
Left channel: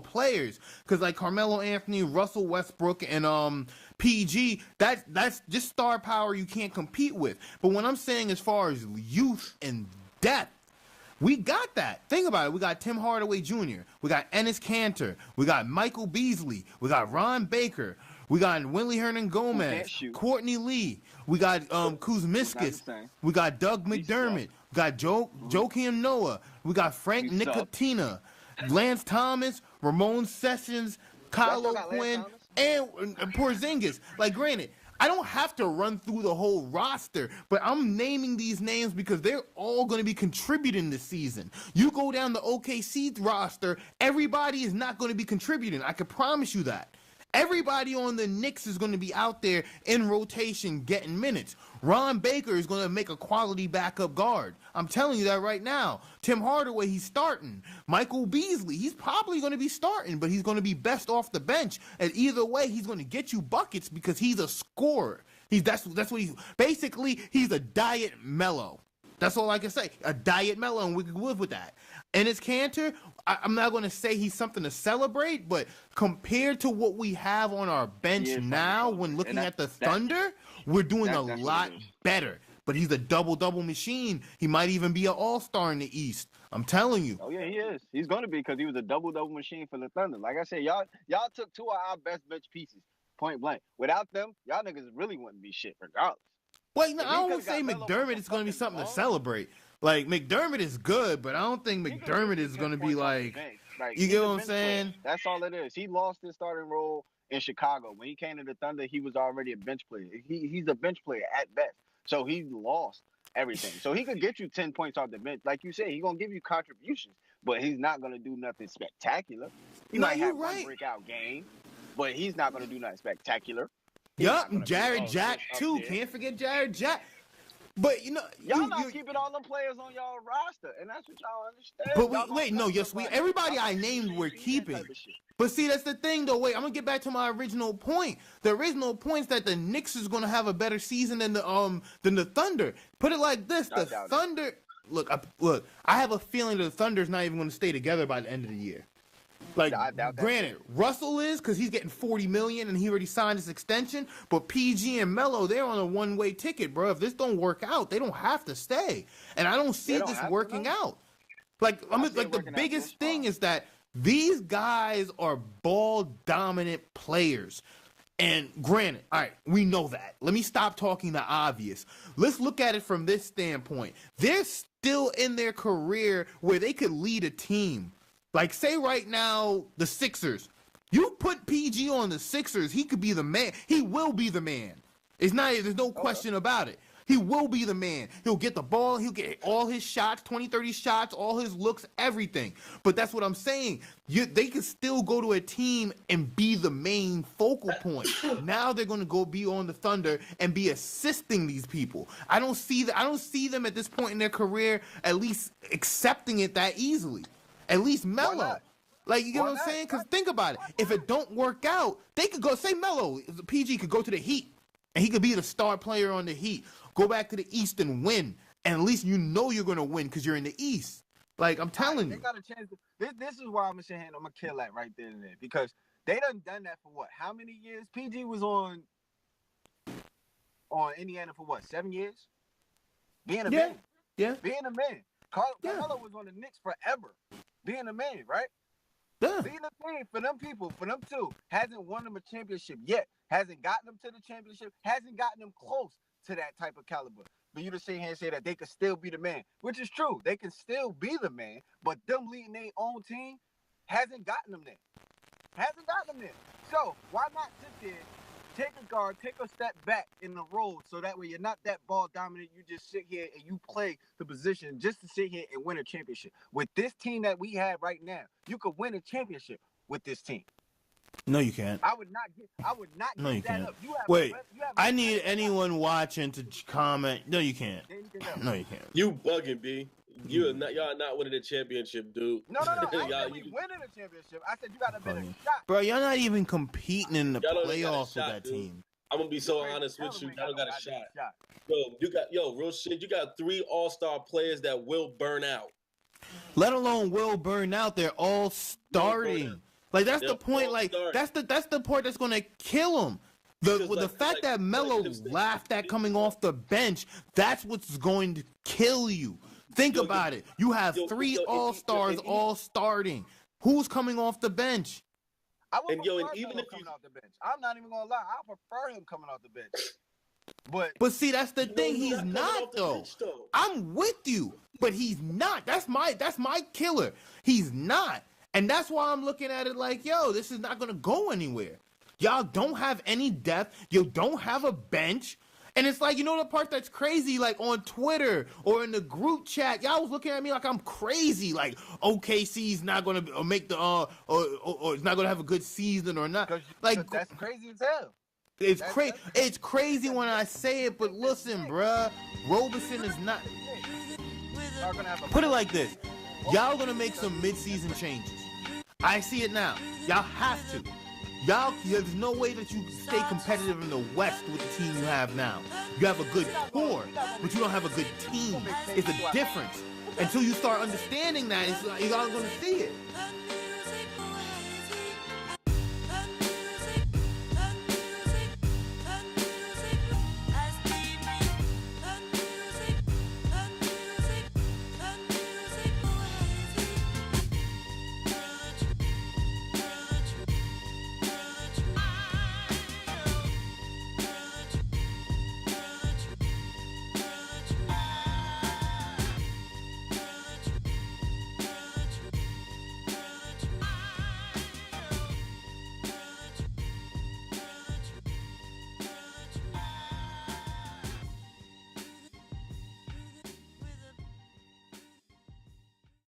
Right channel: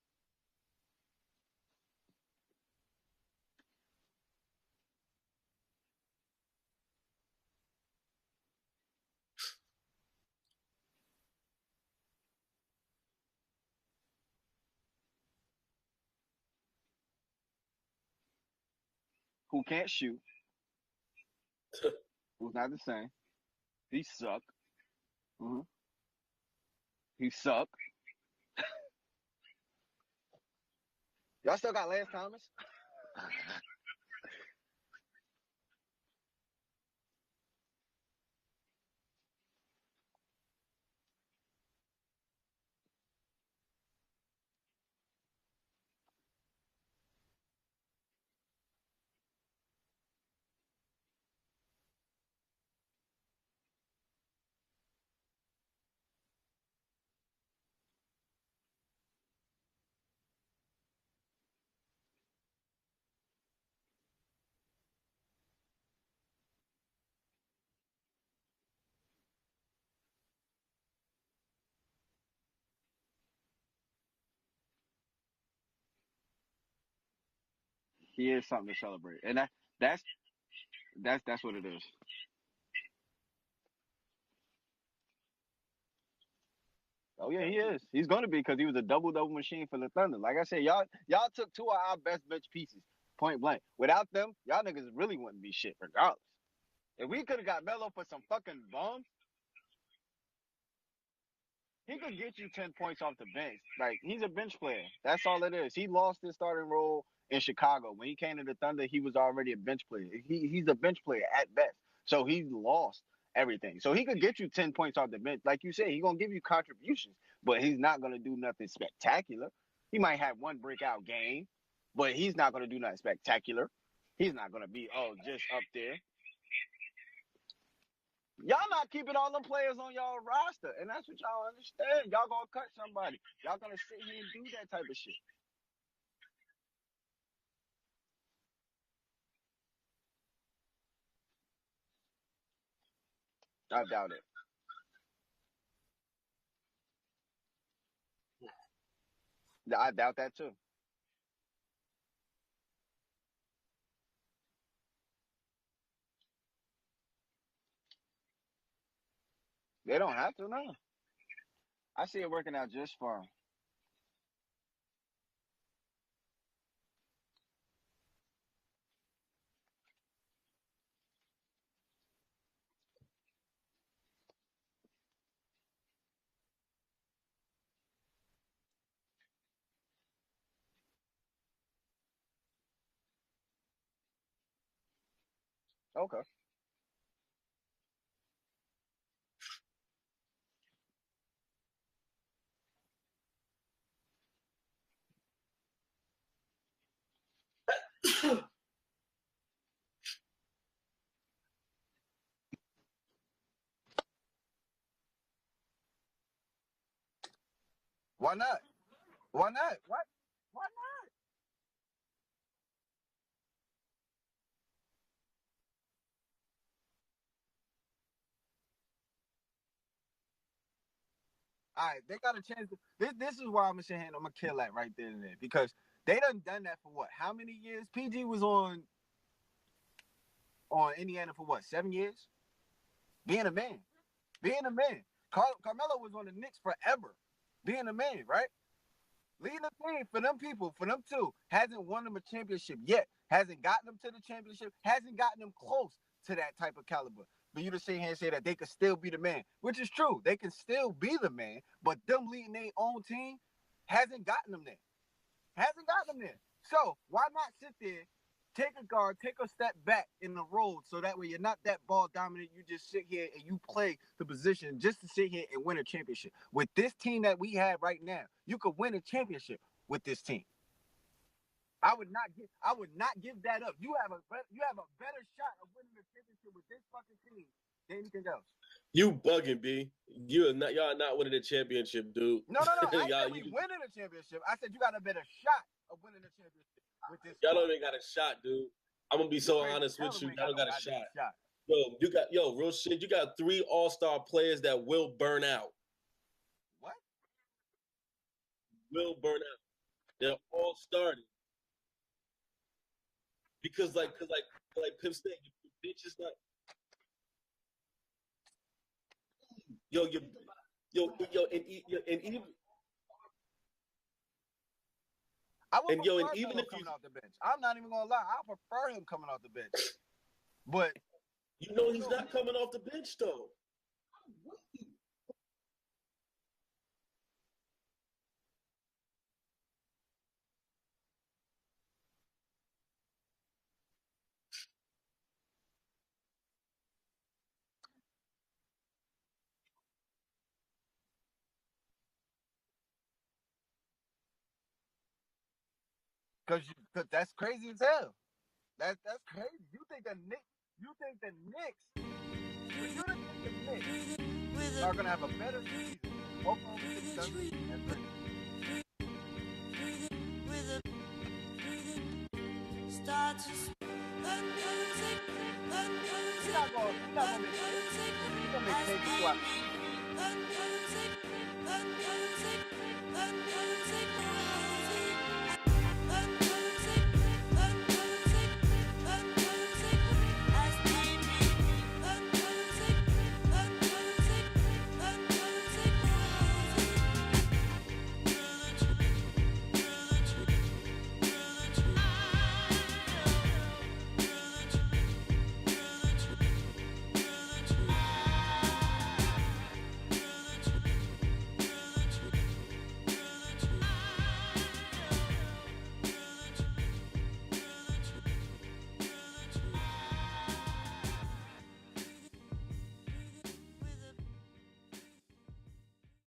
players. Because like Carmelo Anthony, Russell Westbrook, and PG, that's just star power you can't compete with. But when I'm saying as far as youth and depth, we got that. Think about it. We got Tim Hardaway Jr. We got Enes Kanter. We got Michael Beasley. We got Ron Baker. We got Willie Hernan-Gomez. Courtney Lee. We got Kuzmiskas. We got Doug McDermott. We got Joakim Noah. We got Frank Ntilikina. Lance Thomas. Ramon Sessions. Kyle O'Quinn. And Porzingis. Like, granted, I don't have to run through the whole roster, but I'm naming these names because they're all going to be contributing this season. You go down the OKC roster, everybody is not going to be contributing. I can promise you that. Everybody on the Knicks is going to be out there in rotation getting minutes. Ron Baker is going to make a quality backup guard. I'm telling you that right now. Tim Hardaway, he's starting. Michael Beasley, he's probably going to be starting, but he's going to be best off the bench. And either way, he's going to get you buckets because he's a scorer. That's what he's basically. He's a diet Melo. That's all I can say. A diet Melo, and we can live with that. And it's Kanter. I'm not going to say he's something to celebrate, but compared to what we have on our bench now, when looking at the Thunder, we're doing a lot better. But he's a double-double machine. He might even be an all-star in the East. I'm telling you. Oh, yeah, he is. He's going to be because he was a double-double machine for the Thunder. Like I said, y'all took 2 of our best bench pieces, point blank. Without them, y'all niggas really wouldn't be shit regardless. Well, no, I don't say McDermott is going to be something to celebrate. Like, McDermott is good, but I don't think McDermott is going to be like you get what I'm saying? Player. That's all it is. He lost his starting role in Chicago. When he came to the Thunder, he was already a bench player. He's a bench player at best. So he lost everything. So he could get you 10 points off the bench. Like you said, he's going to give you contributions, but he's not going to do nothing spectacular. He might have one breakout game, but he's not going to do nothing spectacular. Yup, Jared Jack, too. Can't forget Jared Jack. But, y'all not keeping all them players on y'all roster, and that's what y'all understand. But everybody I named we're keeping. But see, that's the thing, though. Wait, I'm gonna get back to my original point. The original point is that the Knicks is gonna have a better season than the Thunder. Put it like this: the Thunder. Look. I have a feeling the Thunder's not even gonna stay together by the end of the year. Like, granted, Russell is because he's getting $40 million and he already signed his extension. But PG and Melo, they're on a one-way ticket, bro. If this don't work out, they don't have to stay. And I don't see this working out. Like, the biggest thing is that these guys are ball-dominant players. And granted, all right, we know that. Let me stop talking the obvious. Let's look at it from this standpoint. They're still in their career where they could lead a team. Like, say right now, the Sixers. You put PG on the Sixers, he could be the man. He will be the man. There's no question about it. He will be the man. He'll get the ball. He'll get all his shots, 20, 30 shots, all his looks, everything. But that's what I'm saying. They can still go to a team and be the main focal point. Now they're going to go be on the Thunder and be assisting these people. I don't see them at this point in their career at least accepting it that easily. At least Melo. Like, you know what I'm saying? Because think about it. If it don't work out, they could go, say Melo, PG could go to the Heat, and he could be the star player on the Heat. Go back to the East and win. And at least you know you're going to win because you're in the East. Like, I'm telling you. They got a chance. This is why I'm going to kill that right there and there. Because they done that for what? How many years? PG was on Indiana for what? 7 years? Being a man. Yeah. Being a man. Carmelo was on the Knicks forever. Being a man, right? Yeah. Being a man for them people, for them two, hasn't won them a championship yet. Hasn't gotten them to the championship. Hasn't gotten them close to that type of caliber. But you to sit here and say that they could still be the man, which is true. They can still be the man, but them leading their own team hasn't gotten them there. So why not sit there take a guard, take a step back in the role, so that way you're not that ball dominant. You just sit here and you play the position just to sit here and win a championship. With this team that we have right now, you could win a championship with this team. No, you can't. I would not give that up. You have Wait, I need anyone watching to comment. No, you can't. No, you can't. You bugging, B. Y'all are not winning the championship, dude. No. I said we winning the championship. I said you got a better shot. Bro, y'all not even competing in the playoffs with that team. I'm gonna be so honest with you. Y'all don't got a shot. Real shit. You got 3 all-star players that will burn out. Let alone will burn out. They're all starting. Like that's the point. Like that's the part that's gonna kill him. The fact that Melo laughed at coming off the bench, that's what's going to kill you. Think about it. You have 3 all-stars all starting. Who's coming off the bench? I would prefer even if coming off the bench. I'm not even gonna lie. I prefer him coming off the bench. But see, that's the thing. He's not though. I'm with you, but he's not. That's my killer. He's not. And that's why I'm looking at it like, yo, this is not going to go anywhere. Y'all don't have any depth. You don't have a bench. And it's like, you know the part that's crazy, like on Twitter or in the group chat, y'all was looking at me like I'm crazy. Like, OKC's not going to make the, or it's not going to have a good season or not. Like, that's crazy as hell. It's crazy. It's crazy when I say it, but listen, bruh. Roberson is not. Put it like this. Y'all going to make some mid-season changes. I see it now. Y'all have to. There's no way that you stay competitive in the West with the team you have now. You have a good core, but you don't have a good team. It's a difference. Until you start understanding that, you're not going to see it.